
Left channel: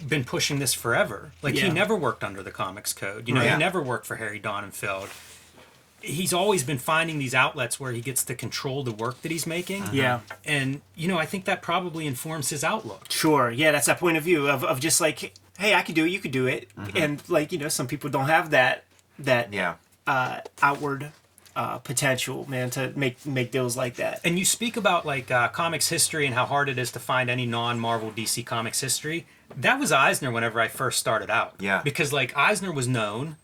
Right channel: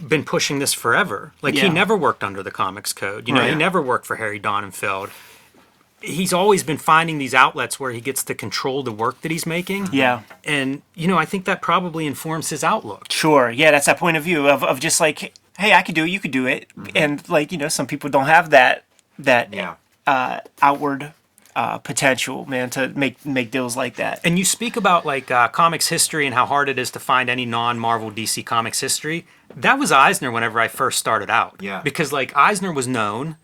been pushing this forever. Like, he never worked under the Comics Code. You know, he never worked for Harry Donenfeld. He's always been finding these outlets where he gets to control the work that he's making. Yeah. And, you know, I think that probably informs his outlook. Sure. Yeah, that's that point of view of just like, hey, I could do it, you could do it. And, like, you know, some people don't have that outward potential, man, to make deals like that. And you speak about, like, comics history and how hard it is to find any non-Marvel DC Comics history. That was Eisner whenever I first started out. Yeah. Because, like, Eisner was known,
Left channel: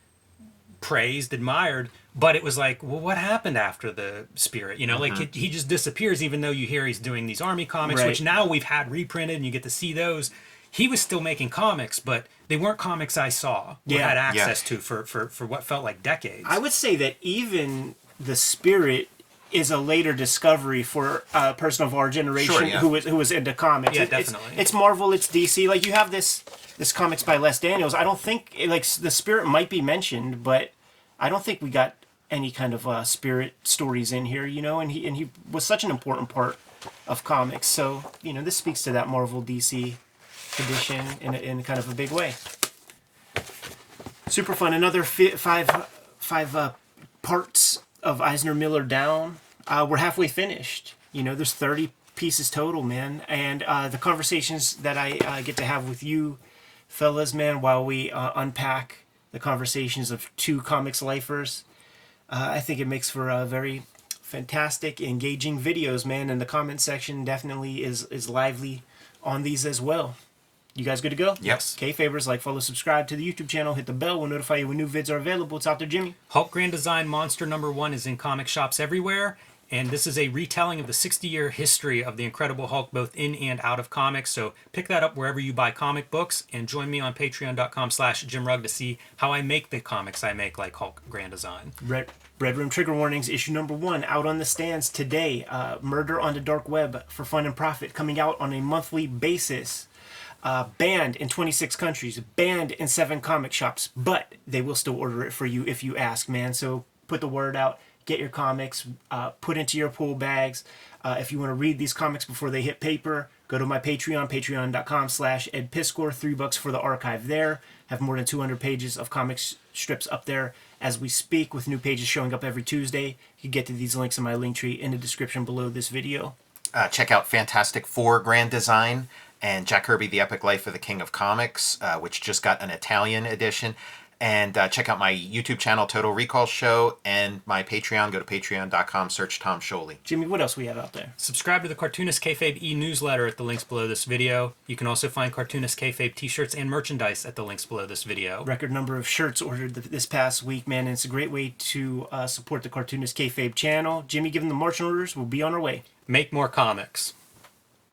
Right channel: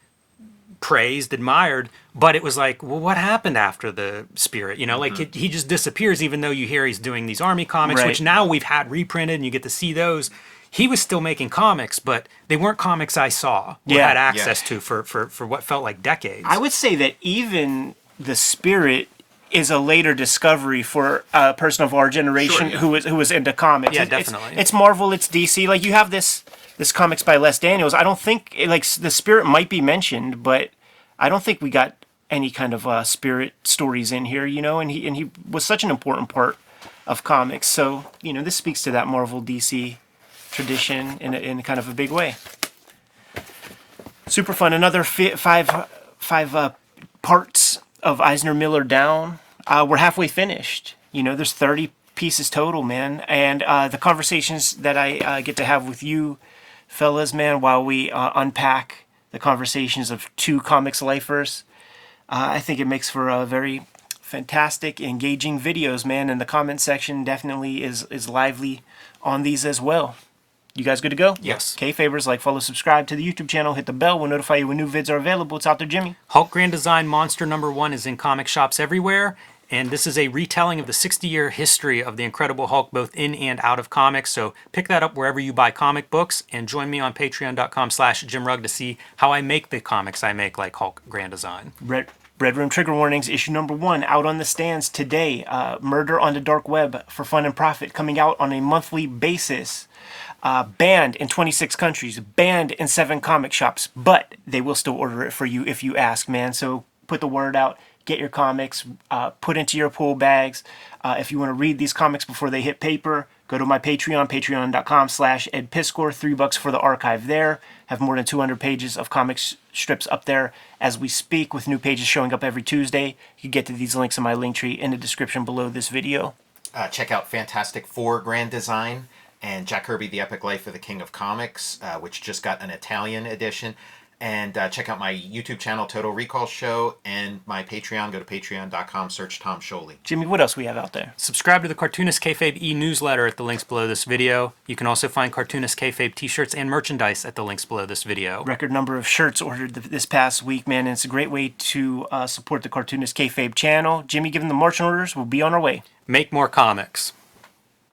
praised, admired, but it was like, well, what happened after the Spirit? You know, like, he just disappears, even though you hear he's doing these Army comics, which now we've had reprinted and you get to see those. He was still making comics, but they weren't comics I saw or had access to for what felt like decades. I would say that even the Spirit is a later discovery for a person of our generation who was into comics. Yeah, definitely. It's Marvel, it's DC. Like, you have this comics by Les Daniels. I don't think, like, the Spirit might be mentioned, but I don't think we got any kind of spirit stories in here, you know, and he was such an important part of comics. So, you know, this speaks to that Marvel DC tradition in kind of a big way. Super fun. Another five parts of Eisner Miller down. We're halfway finished. You know, there's 30 pieces total, man. And the conversations that I get to have with you fellas, man, while we unpack the conversations of two comics lifers, I think it makes for a very fantastic, engaging videos, man. And the comment section definitely is lively on these as well. You guys good to go? Yes. Kayfabers, like, follow, subscribe to the YouTube channel, hit the bell. We'll notify you when new vids are available. It's out there, Jimmy. Hulk Grand Design Monster #1 is in comic shops everywhere. And this is a retelling of the 60-year history of the Incredible Hulk, both in and out of comics. So pick that up wherever you buy comic books, and join me on patreon.com/JimRugg to see how I make the comics I make, like Hulk Grand Design. Red Room Trigger Warnings, issue #1, out on the stands today. Murder on the Dark Web for Fun and Profit, coming out on a monthly basis. Banned in 26 countries, banned in 7 comic shops, but they will still order it for you if you ask, man. So put the word out, get your comics, put into your pool bags. If you want to read these comics before they hit paper, go to my Patreon, patreon.com/EdPiscor, $3 for the archive there. Have more than 200 pages of comics strips up there as we speak, with new pages showing up every Tuesday. You can get to these links in my link tree in the description below this video. Check out Fantastic Four Grand Design and Jack Kirby, The Epic Life of the King of Comics, which just got an Italian edition. And check out my YouTube channel, Total Recall Show, and my Patreon. Go to patreon.com, search Tom Scholey. Jimmy, what else we have out there? Subscribe to the Cartoonist Kayfabe e-newsletter at the links below this video. You can also find Cartoonist Kayfabe t-shirts and merchandise at the links below this video. Record number of shirts ordered this past week, man, and it's a great way to support the Cartoonist Kayfabe channel. Jimmy, given the marching orders, we'll be on our way. Make more comics.